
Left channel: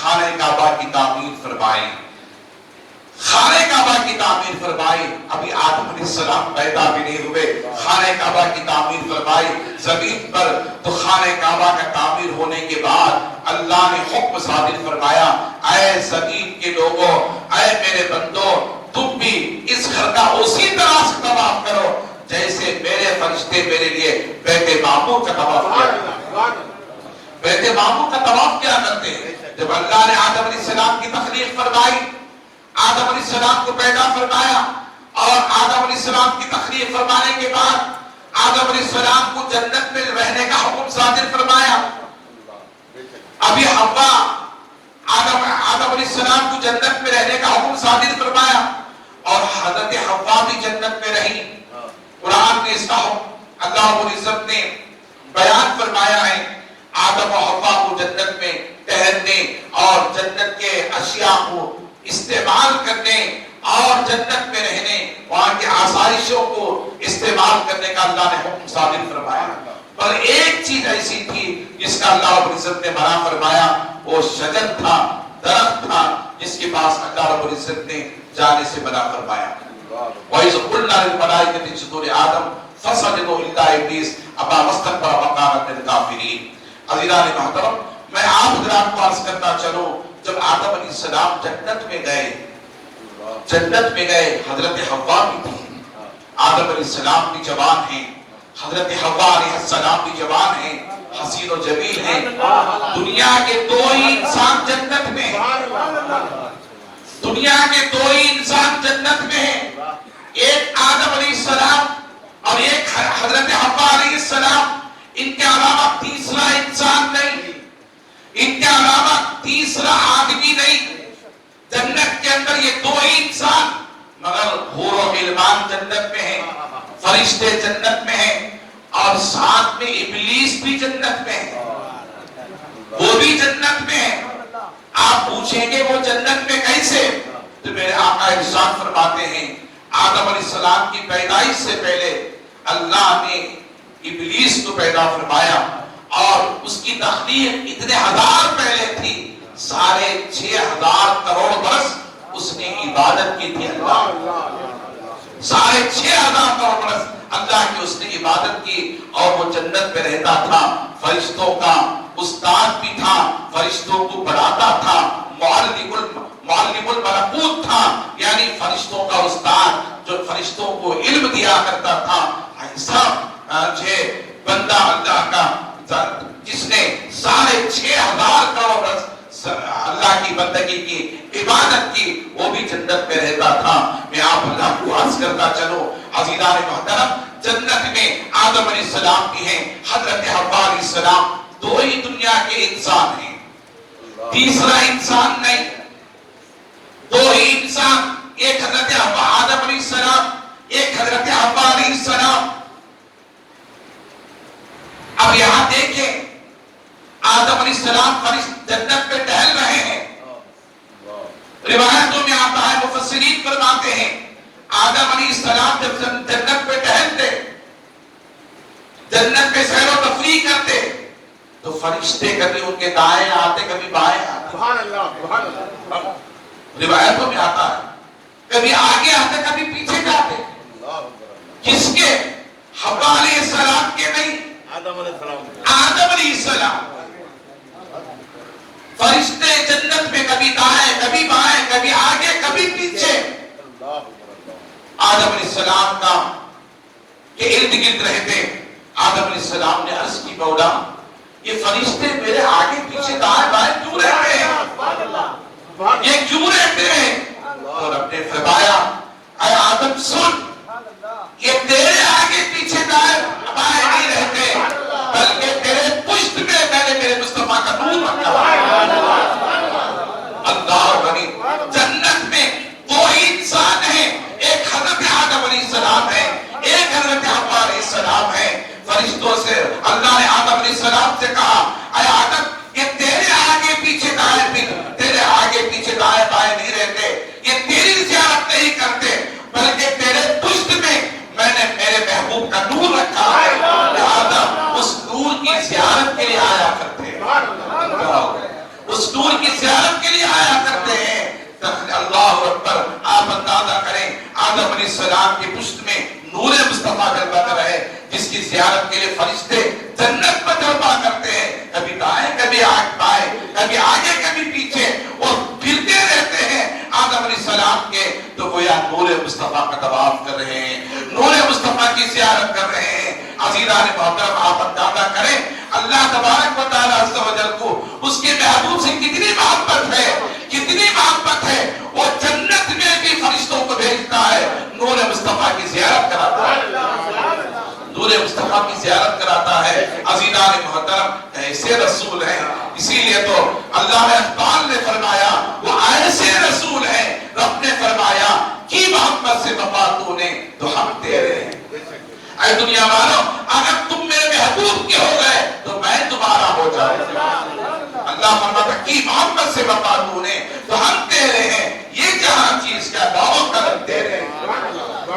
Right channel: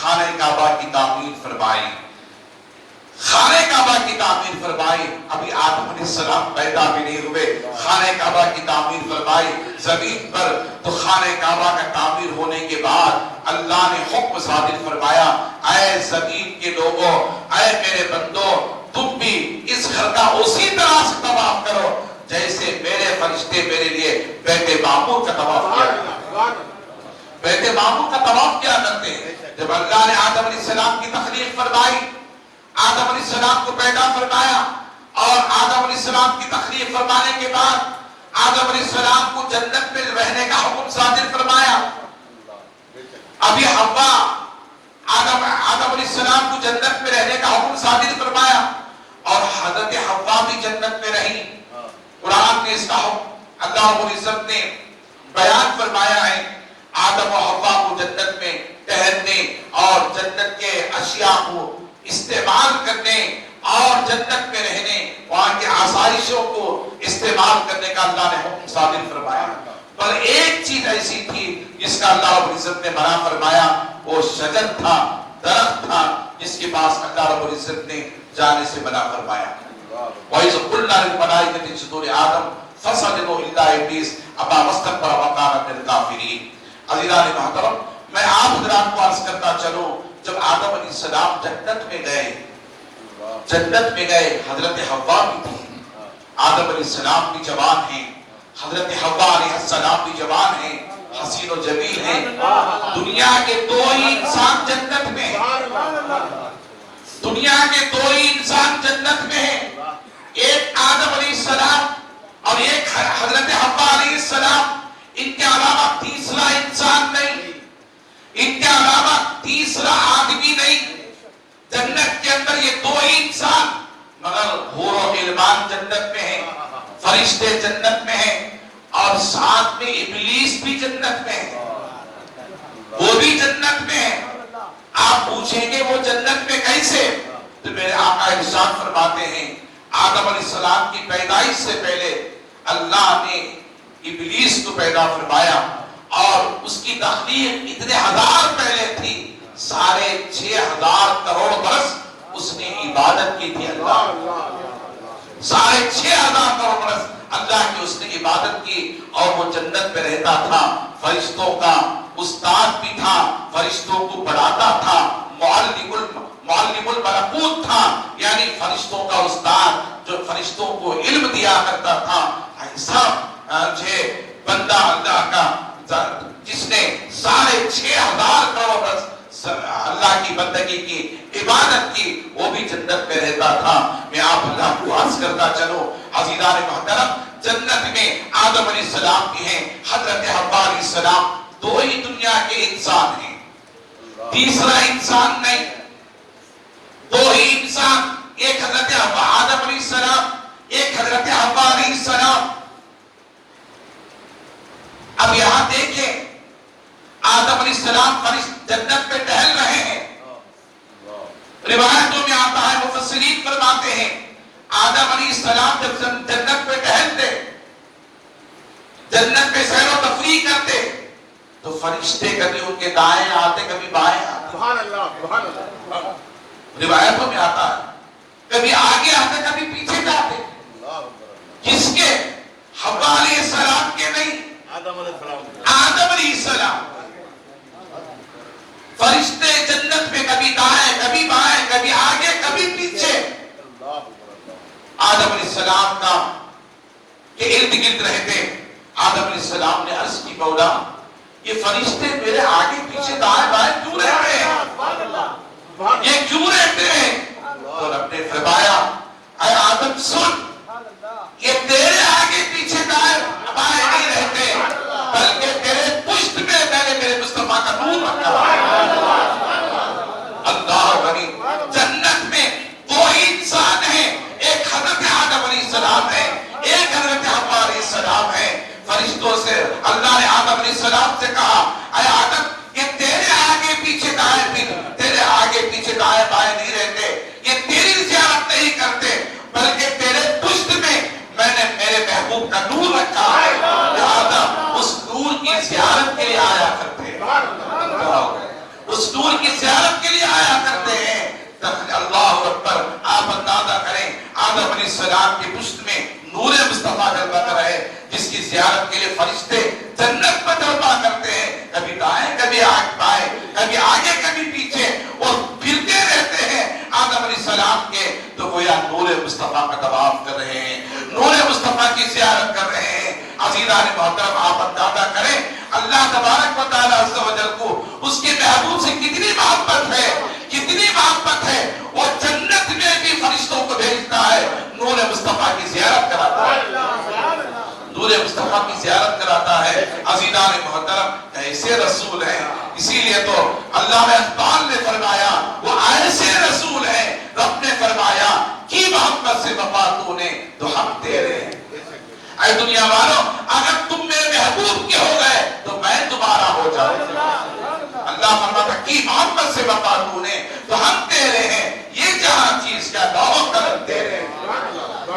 خانہ کعبہ کی تعمیر فرمائی، خانہ کعبہ کی تعمیر فرمائی، ابھی آدم علیہ السلام پیدا بھی نہیں ہوئے، خانہ کعبہ کی تعمیر فرمائی زمین پر. تو خانہ کعبہ کا تعمیر ہونے کے بعد اللہ نے حکم صادر فرمایا، اے زمین کے لوگوں، اے میرے بندوں، تم بھی اس گھر کا اسی طرح سے طواف کرو جیسے میرے فرشتے میرے لیے بیت معمور کا طواف کیا، بیت معمور کا طواف کیا کرتے ہیں. جب اللہ نے آدم علیہ السلام کی تخلیق فرمائی، آدم علیہ السلام کو پیدا فرمایا، اور آدم علیہ السلام کی تخلیق فرمانے کے بعد آدم علیہ السلام کو جنت میں رہنے کا حکم صادر فرمایا. ابھی حوا آدم علیہ السلام کو جنت میں رہنے کا حکم صادر فرمایا، اور حضرت حوا بھی جنت میں رہی. قرآن میں اس کا حکم اللہ رب العزت نے بیان فرمایا ہے. آدم و حوا کو جنت میں ٹہلنے اور جنت کے اشیاء کو استعمال کرنے اور جنت میں رہنے، وہاں کے آسائشوں کو استعمال کرنے کا اللہ نے حکم صادر فرمایا. پر ایک چیز ایسی تھی جس کا اللہ رب العزت نے منع فرمایا، وہ شجر تھا، درخت تھا، جس کے پاس اللہ رب العزت نے جانے سے منع فرمایا. وَإِذْ قُلْنَا لِلْمَلَائِكَةِ اسْجُدُوا لِآدَمَ فَسَجَدُوا إِلَّا إِبْلِيسَ أَبَى وَاسْتَكْبَرَ وَكَانَ مِنَ الْكَافِرِينَ. عزیزان محترم، میں آپ حضرات کو عرض کرتا چلوں، جب آدم علیہ السلام جنت میں گئے حضرت حوا بھی تھی. آدم علیہ السلام بھی جوان ہیں، حضرت حوا علیہ السلام بھی جوان ہیں، حسین و جمیل ہیں. دنیا کے دو ہی انسان جنت میں ہیں، دنیا کے دو ہی انسان جنت میں ہیں، ایک آدم علیہ السلام اور ایک حضرت حوا علیہ السلام. ان کے علاوہ تیسرا انسان نہیں، ان کے علاوہ تیسرا آدمی نہیں. جنت کے اندر یہ دو ہی انسان، مگر حور و غلمان جنت میں ہیں، فرشتے جنت میں ہیں، اور ساتھ میں ابلیس بھی جنت میں ہے، وہ بھی جنت میں ہے. آپ پوچھیں گے وہ جنت میں کیسے؟ تو میرے آقا ارشاد فرماتے ہیں، آدم علیہ السلام کی پیدائش سے پہلے اللہ نے ابلیس کو پیدا فرمایا، اور اس کی تخلیق اتنے ہزار پہلے تھی، 6,500 کروڑ برس اس نے عبادت کی تھی. اللہ 6,500 کروڑ برس اللہ کی اس نے عبادت کی، اور وہ جنت میں رہتا تھا. فرشتوں کا استاد بھی تھا، فرشتوں کو پڑھاتا تھا، معلم الملکوت تھا، یعنی فرشتوں کا استاد جو فرشتوں کو علم دیا کرتا تھا. ایسا بندہ اللہ کا جس نے 6,500 کروڑ برس اللہ کی بندگی کی، عبادت کی، وہ بھی جنت میں رہتا تھا. میں آپ اللہ کو عرض کرتا چلو عزیزان محترم، جنت میں آدم علیہ السلام بھی ہیں، حضرت حوا علیہ السلام، دو ہی دنیا کے انسان ہیں، تیسرا انسان نہیں. دو ہی انسان، ایک حضرت آدم علیہ السلام، ایک حضرت حوا علیہ السلام. اب یہاں دیکھیں، آدم علیہ السلام جنت پہ ٹہل رہے ہیں. روایتوں میں آتا ہے، مفسرین فرماتے ہیں، آدم علیہ السلام جب جنت پہ ٹہلتے، جنت پہ سیر و تفریح کرتے، تو فرشتے کبھی ان کے دائیں آتے، کبھی بائیں آتے. سبحان اللہ، سبحان اللہ. روایتوں میں آتا ہے، کبھی آگے آتے، کبھی پیچھے جاتے. کس کے؟ حوا علیہ السلام کے نہیں، آدم علیہ السلام. فرشتے جنت میں کبھی دائیں، کبھی بائیں، کبھی آگے، کبھی پیچھے. آدم علیہ السلام کا کے ارد گرد رہتے. آدم علیہ السلام نے عرض کی، مولا یہ فرشتے میرے آگے پیچھے دائیں بائیں کیوں رہتے ہیں، یہ کیوں رہتے ہیں؟ اور رب نے فرمایا، اے آدم سن، یہ تیرے آگے پیچھے دائیں بائیں نہیں رہتے، بلکہ تیرے پشت میں میں نے میرے مصطفیٰ کا نور رکھا ہے. اللہ غریب. جنت میں دو ہی انسان ہیں، ایک حضرت آدم علیہ السلام ہے، ایک حضرت حوا علیہ السلام ہے. فرشتوں سے علیہ السلام کی پشت میں نور مصطفیٰ جلوہ رہے، جس کی زیارت کے لیے فرشتے جنت میں جلوہ کرتے ہیں، کبھی دائیں کبھی بائیں، کبھی آگے کبھی پیچھے، اور پھرتے رہتے ہیں آدم علیہ السلام کے، تو گویا نور مصطفیٰ کا طواف کر رہے ہیں، نور مصطفیٰ کی زیارت کر رہے ہیں۔ عزیزان محترم، آپ اندازہ کریں اللہ تبارک و تعالیٰ عز و جل کو اس کے محبوب سے کتنی محبت ہے، کتنی محبت ہے، وہ جنت میں بھی فرشتوں کو بھیجتا ہے، نور مصطفیٰ کی زیارت کراتا ہے، نور مصطفیٰ کی زیارت کراتا ہے۔ عزیزان محترم، ایسے رسول ہیں، اسی لیے تو اللہ اقبال نے فرمایا وہ ایسے رسول ہیں، رب نے فرمایا کی محبت سے وفا تو نے تو ہم تیرے ہیں۔ اے دنیا والوں، اگر تم میرے محبوب کے ہو گئے تو میں تمہارا ہو جاؤں۔ اللہ فرماتا کی محبت سے وفا تو نے تو ہم تیرے ہیں، یہ جہاں چیز کا دعویٰ قدم تیرے ہیں۔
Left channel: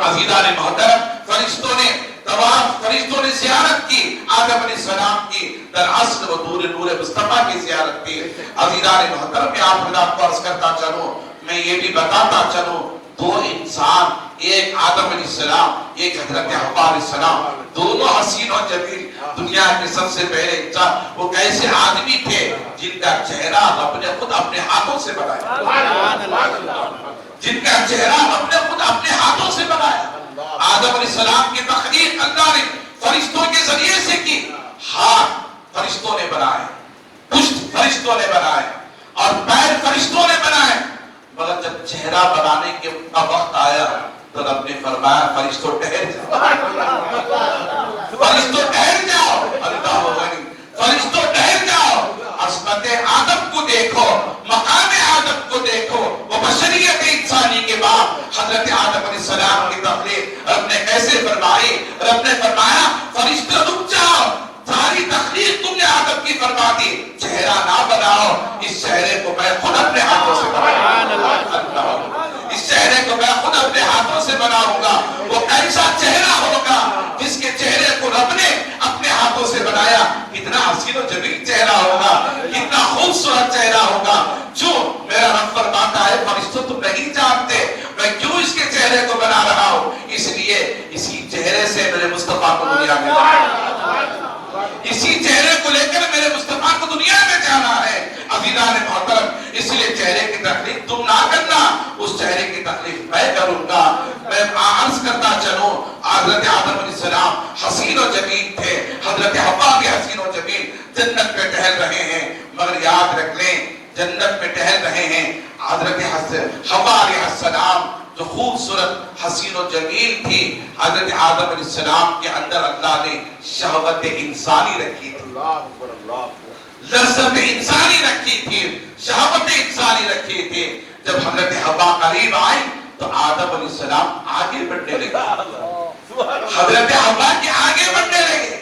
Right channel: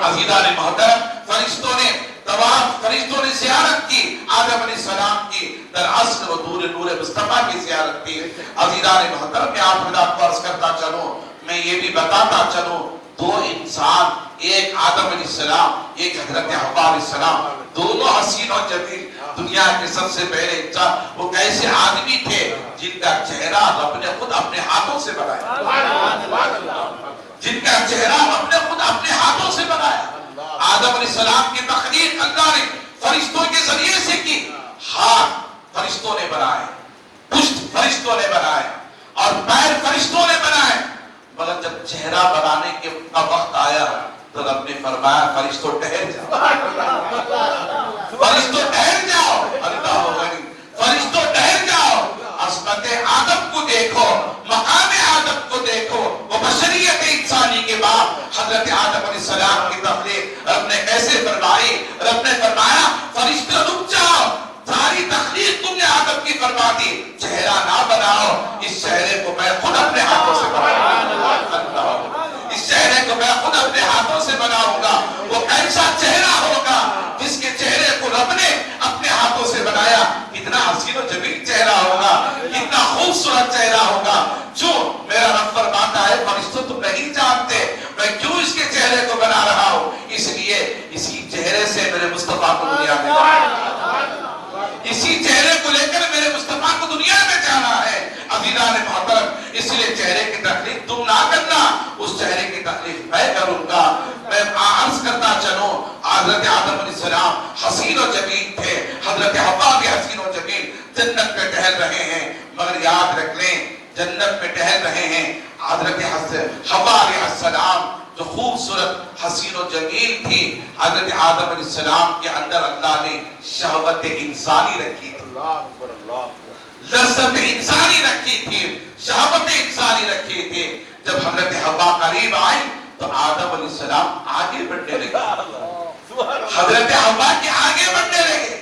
عزیزان محترم، فرشتوں نے طواف، فرشتوں نے زیارت کی آدم علیہ السلام کی، در اصل و نور مصطفیٰ کی زیارت کی۔ عزیزان محترم، میں آپ حضرات کو عرض کرتا چلوں، میں یہ بھی بتاتا چلوں، دو انسان، ایک آدم علیہ السلام، ایک حضرت حوا علیہ السلام، دونوں حسین اور جمیل، دنیا کے سب سے پہلے انسان، وہ کیسے آدمی تھے جن کا چہرہ رب نے خود اپنے ہاتھوں سے بنایا، جن کا چہرہ رب نے خود اپنے ہاتھوں سے بنایا۔ آدم علیہ السلام کی تخلیق اللہ نے فرشتوں کے ذریعے سے کی، ہاتھ فرشتوں نے بنائے، پشت فرشتوں نے بنائے، اور پیر فرشتوں نے بنائے، مگر جب چہرہ بنانے کے وقت آیا تو رب نے فرمایا فرشتوں ٹھہر جاؤ، فرشتوں ٹھہر جاؤ، اللہ غنی، فرشتوں ٹھہر جاؤ، عظمت آدم کو دیکھو، مقام آدم کو دیکھو، وہ بشریت انسانی کے بعد حضرت آدم علیہ السلام کی تخلیق رب نے کیسے فرمائی؟ رب نے فرمایا فرشتوں رک جاؤ، ساری تخلیق تم نے آدم کی فرما دی، چہرہ نہ بناؤ، اس چہرے کو میں خود اپنے ہاتھوں سے بناؤں، اس چہرے کو میں خود اپنے ہاتھوں سے بناؤں گا۔ وہ ایسا چہرہ ہوگا جس کے چہرے کو رب نے اپنے ہاتھوں سے بنایا، کتنا حسین و جمیل چہرہ ہوگا، کتنا خوبصورت چہرہ ہوگا، جو میرا رب فرماتا ہے فرشتوں تم نہیں جانتے میں کیوں اس کے چہرے کو بنا رہا ہوں، اس لیے اسی چہرے سے میرے مصطفیٰ کو دنیا میں اسی چہرے کو لے کر میرے مصطفیٰ کو دنیا میں جانا ہے۔ عزیزان محترم، اس لیے چہرے کی تخلیق تم نہ کرنا، اس چہرے کی تخلیق میں کروں گا۔ میں عرض کرتا چلوں، حضرت آدم علیہ السلام حسین و جمیل تھے، حضرت حوا بھی حسین و جمیل، جنت میں ٹہل رہے ہیں، مگر یاد رکھ لیں جنت میں ٹہل رہے ہیں، حضرت حوا علیہ السلام جو خوبصورت حسین و جمیل تھی، حضرت آدم علیہ السلام کے اندر اللہ نے شہوت انسانی رکھی تھی، لذت انسانی رکھی تھی، شہوت انسانی رکھی تھی۔ جب حضرت حوا قریب آئے تو آدم علیہ السلام آگے بڑھنے لگے، حضرت حوا کے آگے بڑھنے لگے۔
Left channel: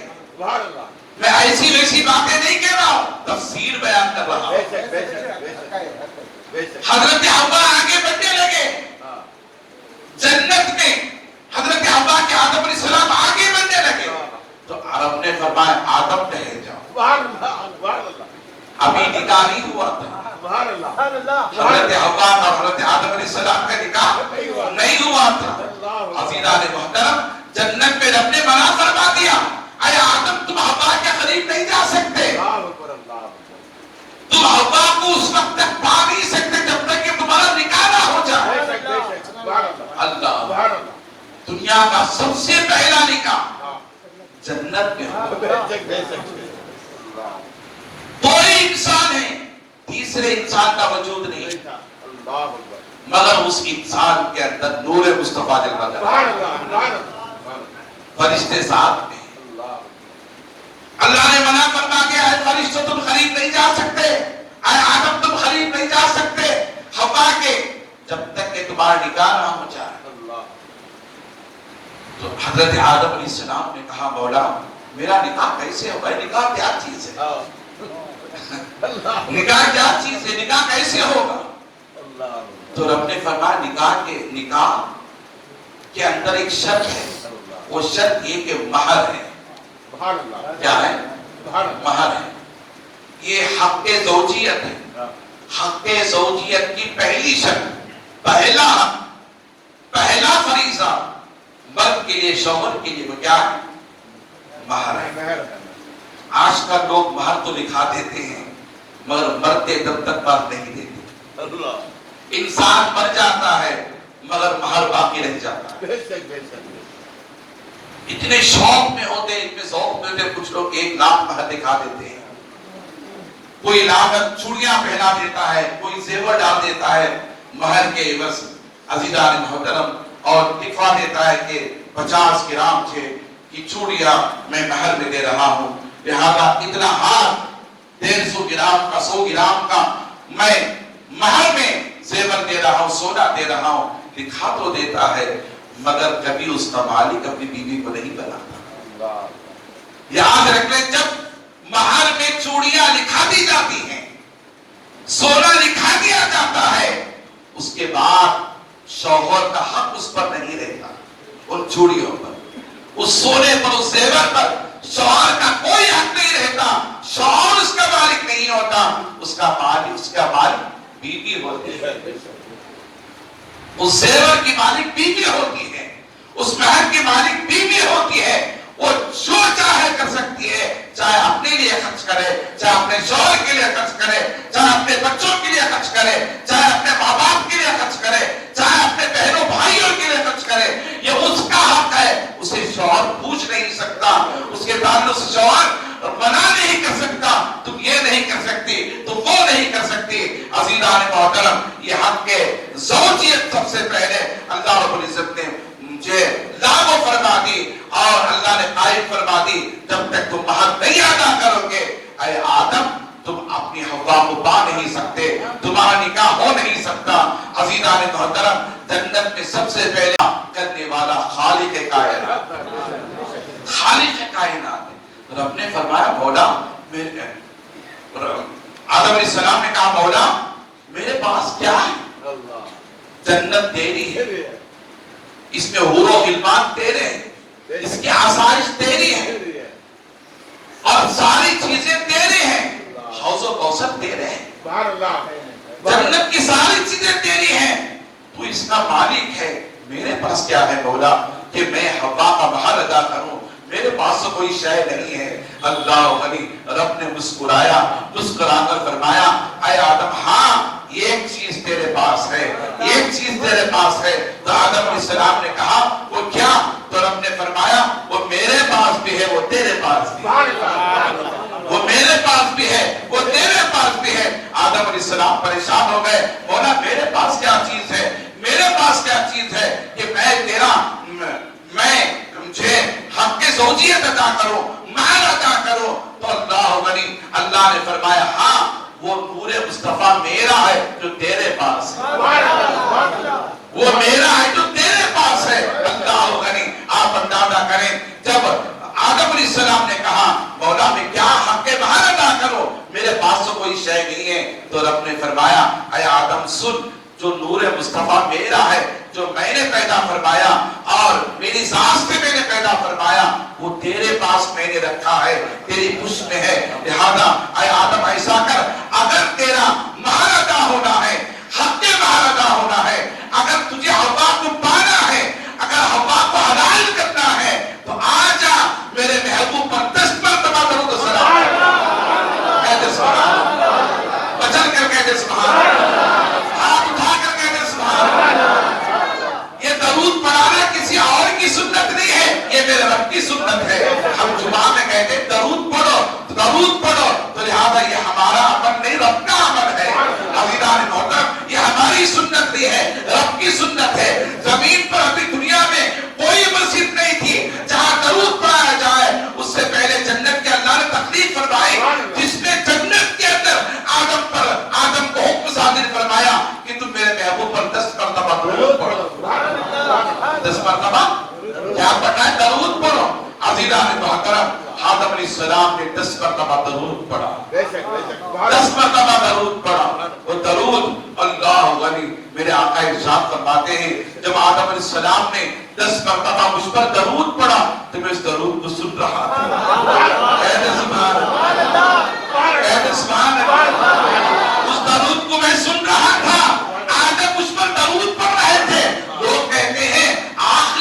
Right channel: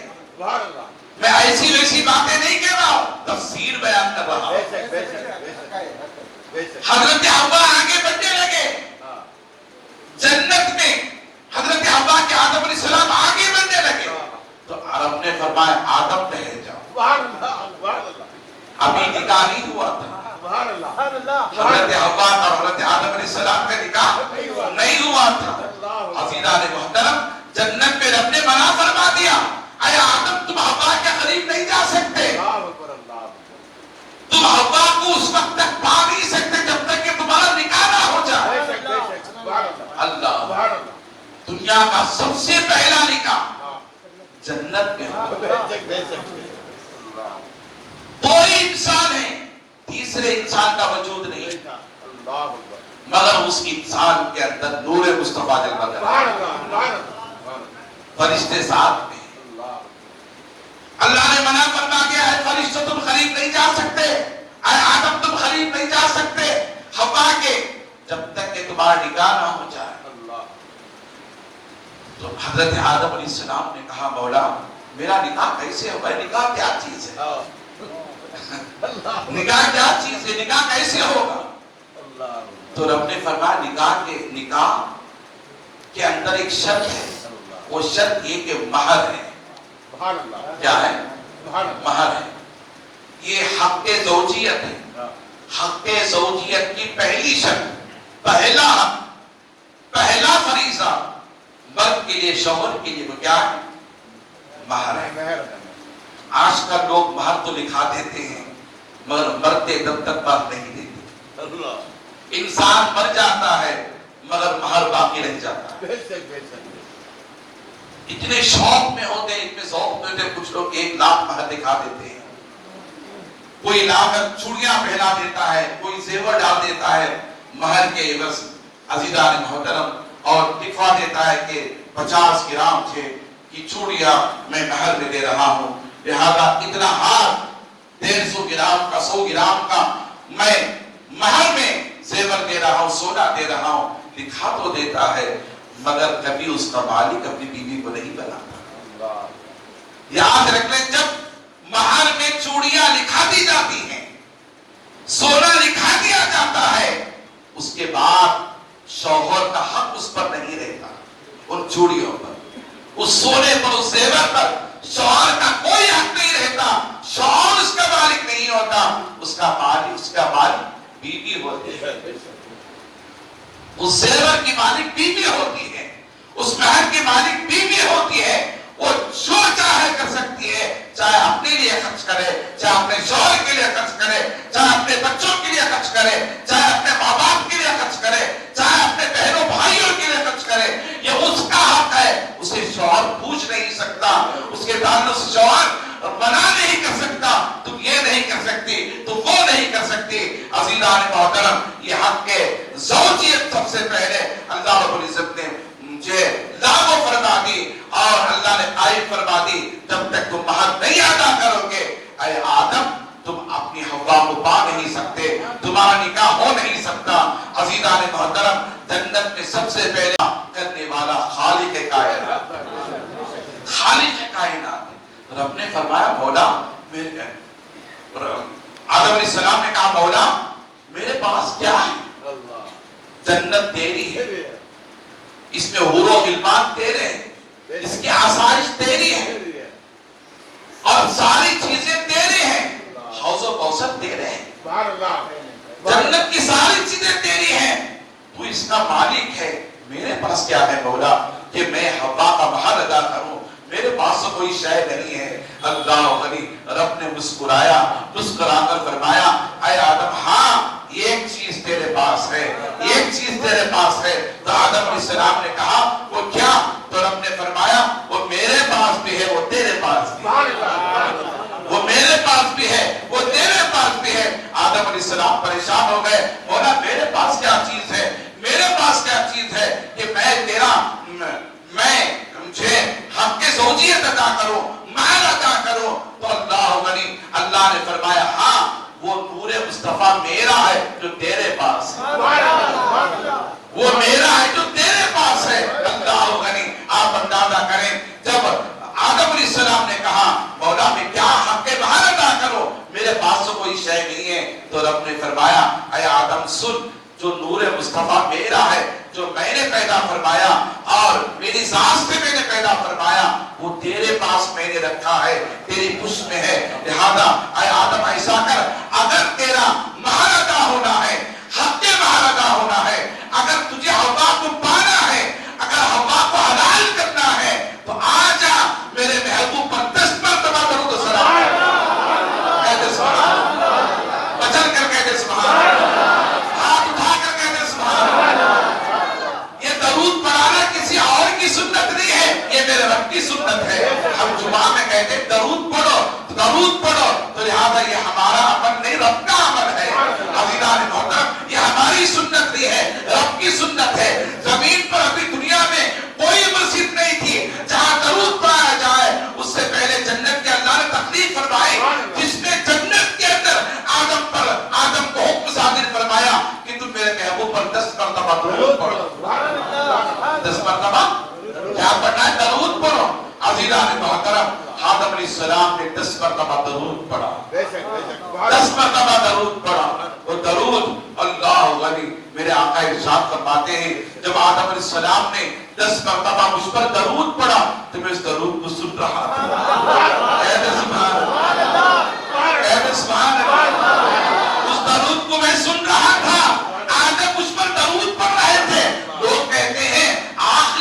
میں ایسی ویسی باتیں نہیں کہہ رہا ہوں، تفسیر بیان کر رہا ہوں۔ حضرت حوا آگے بڑھنے لگے جنت میں، حضرت حوا کے آدم علیہ السلام آگے بڑھنے لگے تو عرب نے فرمایا آدم ٹہر جاؤ، ابھی نکاح نہیں ہوا تھا، حضرت حوا کا حضرت آدم علیہ السلام کا نکاح نہیں ہوا تھا۔ عزیزان محترم، جنت میں رب نے منع فرما دیا، اے آدم تم حوا کے قریب نہیں جا سکتے، تم حوا کو اس وقت تک پا نہیں سکتے جب تک کہ تمہارا نکاح نہ ہو جائے۔ اللہ، دنیا کا سب سے پہلا نکاح جنت میں کوئی انسان ہے، تیسرے انسان کا وجود نہیں، مگر اس انسان کے اندر نور مصطفیٰ جلوہ کرتا ہے، فرشتے ساتھ میں۔ اللہ نے منع فرما دیا ہے فرشتوں تم قریب نہیں جا سکتے، اے آدم تم قریب نہیں جا سکتے حوا کے جب تک کہ تمہارا نکاح نہ ہو جائے۔ تو حضرت آدم علیہ السلام نے کہا مولا میرا نکاح کیسے ہوگا، نکاح کیا چیز ہے، نکاح کیا چیز ہے، نکاح کیسے ہوگا؟ تو رب نے فرمایا نکاح کے اندر ایک شرط ہے، وہ شرط یہ کہ مہر ہے۔ کیا ہے؟ مہر ہے۔ یہ حق زوجیت ہے، حق زوجیت کی پہلی شرط، پہلا فریضہ حصہ مرد کے لیے، شوہر کے لیے وہ کیا ہے؟ مہر ہے۔ آج کل لوگ مہر تو دکھا دیتے ہیں مگر مرتے دم تک مہر نہیں دیتے۔ انسان مر جاتا ہے مگر مہر باقی رہ جاتا ہے۔ اتنے شوق میں ہوتے ہیں، اتنے ذوق میں ہوتے، کچھ لوگ 1 لاکھ مہر دکھا دیتے ہیں، کوئی لاکھ چوڑیاں پہنا دیتا ہے، کوئی زیور ڈال دیتا ہے مہر کے عوض عزیزان محترم، اور دکھا دیتا ہے کہ 50 گرام کی چوڑیاں میں مہر میں دے رہا ہوں، لہذا اتنا ہار 150 گرام کا 100 گرام کا میں مہر میں زیور دے رہا ہوں، سونا دے رہا ہوں، دکھا تو دیتا ہے مگر کبھی اس کا مالک اپنی بیوی کو نہیں بناتا۔ یاد رکھ لیں، جب مہر میں چوڑیاں لکھا دی جاتی ہیں، سونا لکھا دیا جاتا ہے، اس کے بعد شوہر کا حق اس پر نہیں رہتا، ان چوڑیوں پر، اس سونے پر، اس زیور پر شوہر کا کوئی حق نہیں رہتا، شوہر اس کا مالک نہیں ہوتا، اس کا مالک بیوی ہوتی ہے، اس زیور کی مالک بیوی ہوتی ہے، اس مہر کی مالک بیوی ہوتی ہے، اور جو چاہے کر سکتی ہے، چاہے اپنے لیے خرچ کرے، چاہے اپنے شوہر کے لیے خرچ کرے، چاہے اپنے بچوں کے لیے خرچ کرے، چاہے اپنے ماں باپ کے لیے خرچ کرے، چاہے اپنے بہنوں بھائیوں کے لیے خرچ کرے، یہ اس کا حق ہے، اسے شوہر پوچھ نہیں سکتا، اس کے تعلق سے شوہر منع نہیں کر سکتا، تم یہ نہیں کر سکتی، تم وہ نہیں کر سکتی۔ عزیزان محترم، یہ حق کے زوجیت سب سے پہلے اللہ رب العزت نے مجھے لاگو فرما دی، اور اللہ نے عائد فرما دی، جب تک تم مہر نہیں ادا کرو گے اے آدم تم اپنی حوا کو پا نہیں سکتے، تمہارا نکاح ہو نہیں سکتا۔ عزیزان محترم، جنت میں سب سے پہلے کرنے والا خالق کائنات، خالق کائنات رب نے فرمایا مولا میرے، آدم علیہ السلام نے کہا مولا میرے پاس کیا ہے؟ جنت تیری ہے، اس میں حور و غلمان تیرے ہیں، اس کی آسائش تیری ہے، اور ساری چیزیں تیرے ہیں، حوض و کوثر تیرے ہیں، جنت کی ساری چیزیں تیری ہیں، تو اس کا مالک ہے، میرے پاس کیا ہے مولا کہ میں حوا کا مہر ادا کروں؟ میرے پاس کوئی شے نہیں ہے۔ اللہ غنی، رب نے مسکرایا، مسکرا کر فرمایا اے آدم ہاں ایک چیز تیرے پاس ہے، ایک چیز تیرے پاس ہے۔ تو آدم علیہ السلام نے کہا وہ کیا؟ تو رب نے فرمایا وہ میرے پاس بھی ہے، وہ تیرے پاس بھی ہے، وہ میرے پاس بھی ہے، وہ تیرے پاس بھی ہے۔ آدم علیہ السلام پریشان ہو گئے، مولا میرے پاس کیا چیز ہے، میرے پاس کیا چیز ہے کہ میں مجھے حق کے زوجیت ادا کرو، مہر ادا کرو؟ تو اللہ غنی، اللہ نے فرمایا ہاں وہ نور مصطفیٰ میرا ہے جو تیرے پاس ہے، وہ میرا ہے جو تیرے پاس ہے۔ اللہ غنی، آپ اندازہ کریں جب آدم علیہ السلام نے کہا مولا میں کیا حق کے مہر ادا کرو، میرے پاس تو کوئی شے نہیں ہے، تو رب نے فرمایا اے آدم سن، جو نور مصطفیٰ میرا ہے، جو میں نے پیدا فرمایا اور میری ذات سے میں نے پیدا فرمایا، وہ تیرے پاس میں نے رکھا ہے، تیری پشت میں ہے، لہذا اے آدم ایسا کر، اگر تیرا مہر ادا ہونا ہے، حق کے مہر ادا ہونا ہے، اگر تجھے حوا کو پانا ہے، اگر حوا کو حلال کرنا ہے، تو آ جا میرے محبوب پر 10 مرتبہ درود و سلام کہتے سبحان اللہ، بچن کر کہتے سبحان اللہ، سنت نہیں ہے، یہ میرے رب کی سنت ہے۔ ہم جمعہ میں کہتے ہیں درود پڑھو، درود پڑھو، تو لہذا یہ ہمارا عمل نہیں، رب کا عمل ہے۔ عزیزان محترم، یہ ہماری سنت نہیں ہے، رب کی سنت ہے۔ زمین پر ابھی دنیا میں کوئی مسجد نہیں تھی جہاں درود پڑھایا جائے، اس سے پہلے جنت کے اللہ نے تکلیف فرمائی، جس نے جنت کے اندر آدم کو حکم صادر فرمایا کہ تم میرے محبوب پر 10 مرتبہ درود پڑھو، 10 مرتبہ کیا پڑھنا ہے؟ درود پڑھو۔ عزیزان محترم، آدم علیہ السلام نے 10 مرتبہ درود پڑھا، 10 مرتبہ درود پڑھا۔ وہ درود اللہ غنی، میرے آقا ارشاد فرماتے ہیں جب آدم علیہ السلام نے 10 مرتبہ مجھ پر درود پڑھا تو میں اس درود کو سن رہا تھا۔ کہتے سبحان اللہ، کہتے سبحان اللہ، اس درود کو میں سن رہا تھا۔ آدم مجھ پر درود پڑھ رہے تھے، لوگ کہتے ہیں آخر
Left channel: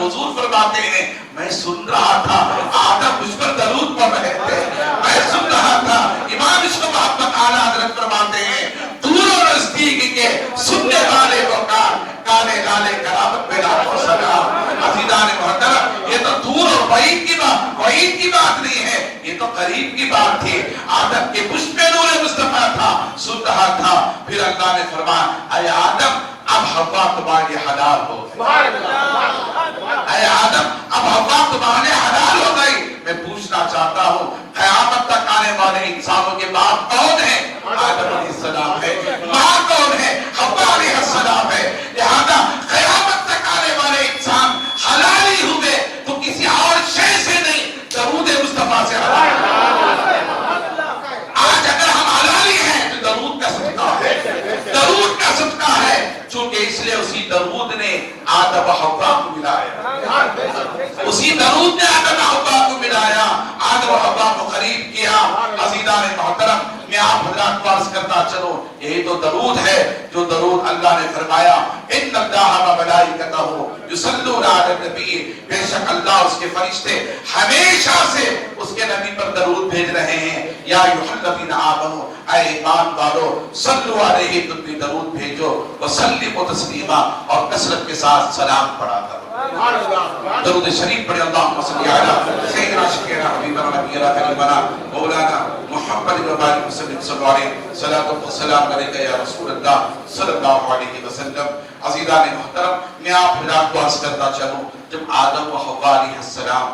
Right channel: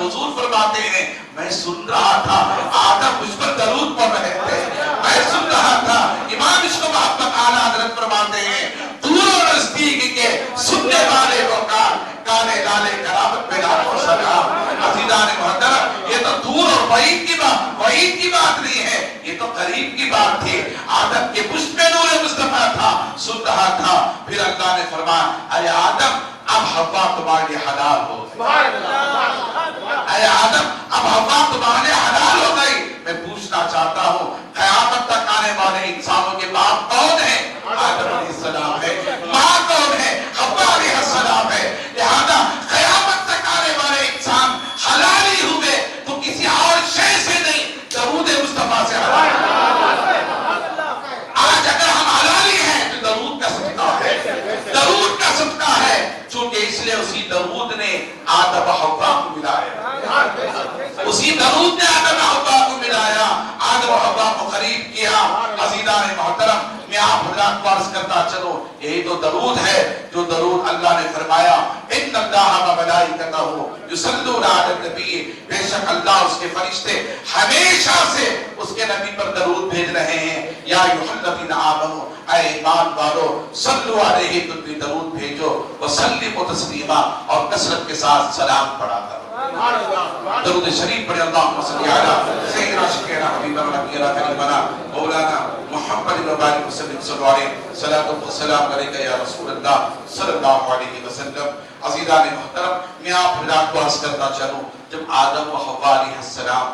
حضور فرماتے ہیں میں سن رہا تھا آدم مجھ پر درود پڑھ رہے تھے، میں سن رہا تھا امام عشق محمد اعلیٰ حضرت فرماتے ہیں دور و نزدیک کے سننے والے کو کالے لالے کرامت پیدا ہو سکا۔ عزیزان محترم، یہ تو دور اور بعید کی بات نہیں ہے، یہ تو قریب کی بات تھی۔ آدم کے پشت میں نور مصطفیٰ تھا، سن رہا تھا، پھر اللہ نے فرمایا اے آدم اب حوا تمہارے لیے حلال ہو گئی، اے آدم اب حوا تمہارے لیے حلال ہو گئی۔ میں پوچھنا چاہتا ہوں قیامت تک آنے والے انسانوں کے باپ کون ہے؟ آدم علیہ السلام ہے۔ ماں کون ہے؟ حوا علیہ السلام ہے۔ لہذا قیامت تک آنے والے انسان حلال ہی ہوئے تو کسی اور شے سے نہیں، درود مصطفیٰ سے حلال۔ آج اگر ہم حلالی ہیں تو درود کا صدقہ ہے، درود کا صدقہ ہے، چونکہ اس لیے اسی درود نے آدم و حوا کو ملایا، اسی درود نے آدم و حوا کو ملایا، آدم و حوا کو قریب کیا۔ عزیزان محترم، میں آپ حضرات کو عرض کرتا چلوں، یہی تو درود ہے جو درود اللہ نے فرمایا ان اللہ و ملائکتہ یصلون علی النبی، بے شک اللہ اس کے فرشتے ہمیشہ سے اس کے نبی پر درود بھیج رہے ہیں۔ یا ایھا الذین آمنوا، اے ایمان والو، صلوا علیہ، تم بھی درود بھیجو، وسلموا تسلیما، اور کثرت کے ساتھ سلام پڑھا کرو۔ درود شریف پڑھے، اللہم صلی علی سیدنا شفیعنا حبیبنا نبینا کریمنا مولانا محمد وبارک وسلم، صلی اللہ علیہ صلاۃ والسلام علیکہ یا رسول اللہ صلی اللہ علیہ وسلم۔ عزیزان محترم، میں آپ حضرات کو عرض کرتا چلوں، جب آدم و حوا علیہ السلام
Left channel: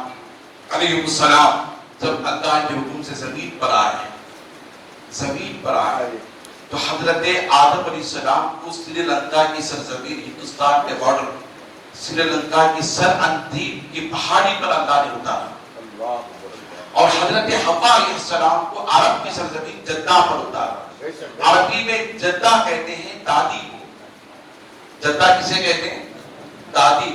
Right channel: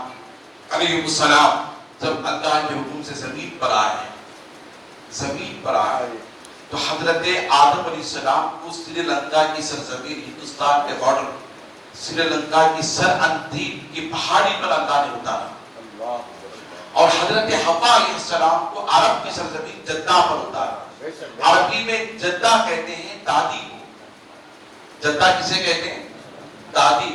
جب اللہ کے حکم سے زمین پر آئے تو حضرت آدم علیہ السلام کو سری لنکا کی سرزمین، ہندوستان کے بارڈر، سری لنکا کی سر اندیپ کی پہاڑی پر اللہ نے اتارا، اور حضرت حوا علیہ السلام کو عرب کی سرزمین جدہ پر اتارا۔ عربی میں جدہ کہتے ہیں دادی کو، جدہ کسے کہتے ہیں؟ دادی۔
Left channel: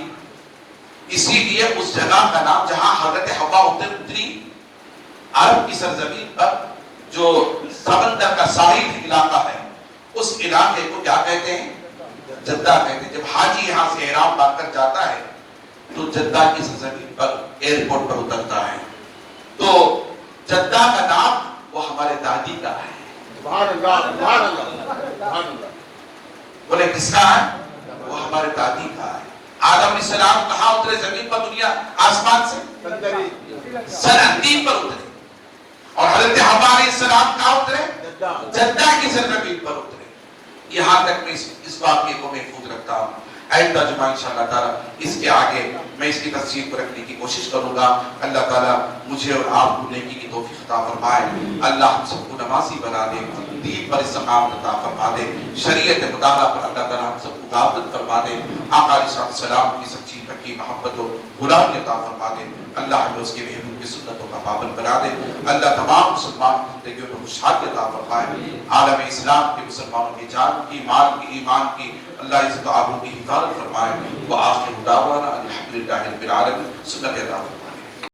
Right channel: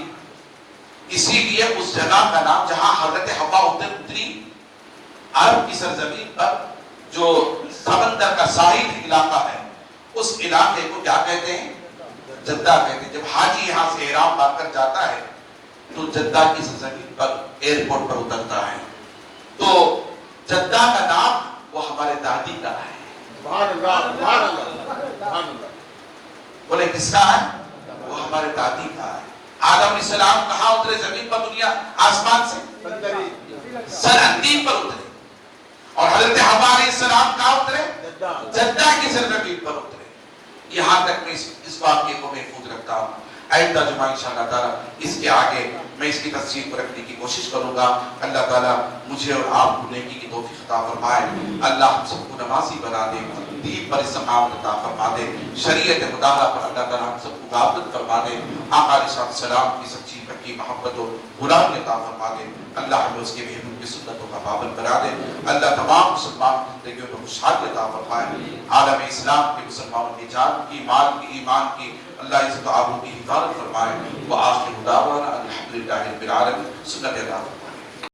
اسی لیے اس جگہ کا نام جہاں حضرت حوا اتری عرب کی سرزمین پر، جو سمندر کا ساحل علاقہ ہے، اس علاقے کو کیا کہتے ہیں؟ جدہ کہتے ہیں۔ جب حاجی یہاں سے احرام باندھ کر جاتا ہے تو جدہ کی سرزمین پر ایئرپورٹ پر اترتا ہے، تو جدہ کا نام وہ ہمارے دادی کا ہے۔ سبحان اللہ، سبحان اللہ، سبحان اللہ۔ بولے کس کا ہے؟ وہ ہمارے دادی کا ہے۔ آدم علیہ السلام کہاں اترے زمین پر؟ دنیا آسمان سے سر اندیپ پر اترے، اور حضرت حوا علیہ السلام کہاں اترے؟ جدہ کی سرزمین پر اترے۔ یہاں تک میں اس واقعے کو محفوظ رکھتا ہوں۔ آئندہ جمعہ انشاءاللہ تعالیٰ اس کے آگے میں اس کی تفصیل کو رکھنے کی کوشش کروں گا۔ اللہ تعالیٰ مجھے اور آپ کو نیکی کی توفیق عطا فرمائے، اللہ ہم سب کو نمازی بنا دے، دین پر استقامت عطا فرما دے، شریعت مطالعہ پر اللہ تعالیٰ ہم سب کو غالب فرما دے، آقا علیہ السلام کی سچی پکی محبت و غلامی عطا فرما دے، اللہ ہمیں اس کے محبوب کی سنتوں کا پابند بنا دے، اللہ تمام مسلمان زندگیوں کو خوشحالی عطا فرمائے، عالم اسلام کے مسلمانوں کی جان کی، مال کی، ایمان کی اللہ عزت و آبرو کی حفاظت فرمائے۔ وآخر دعوانا الحمدللہ رب العالمین۔ سنت اللہ۔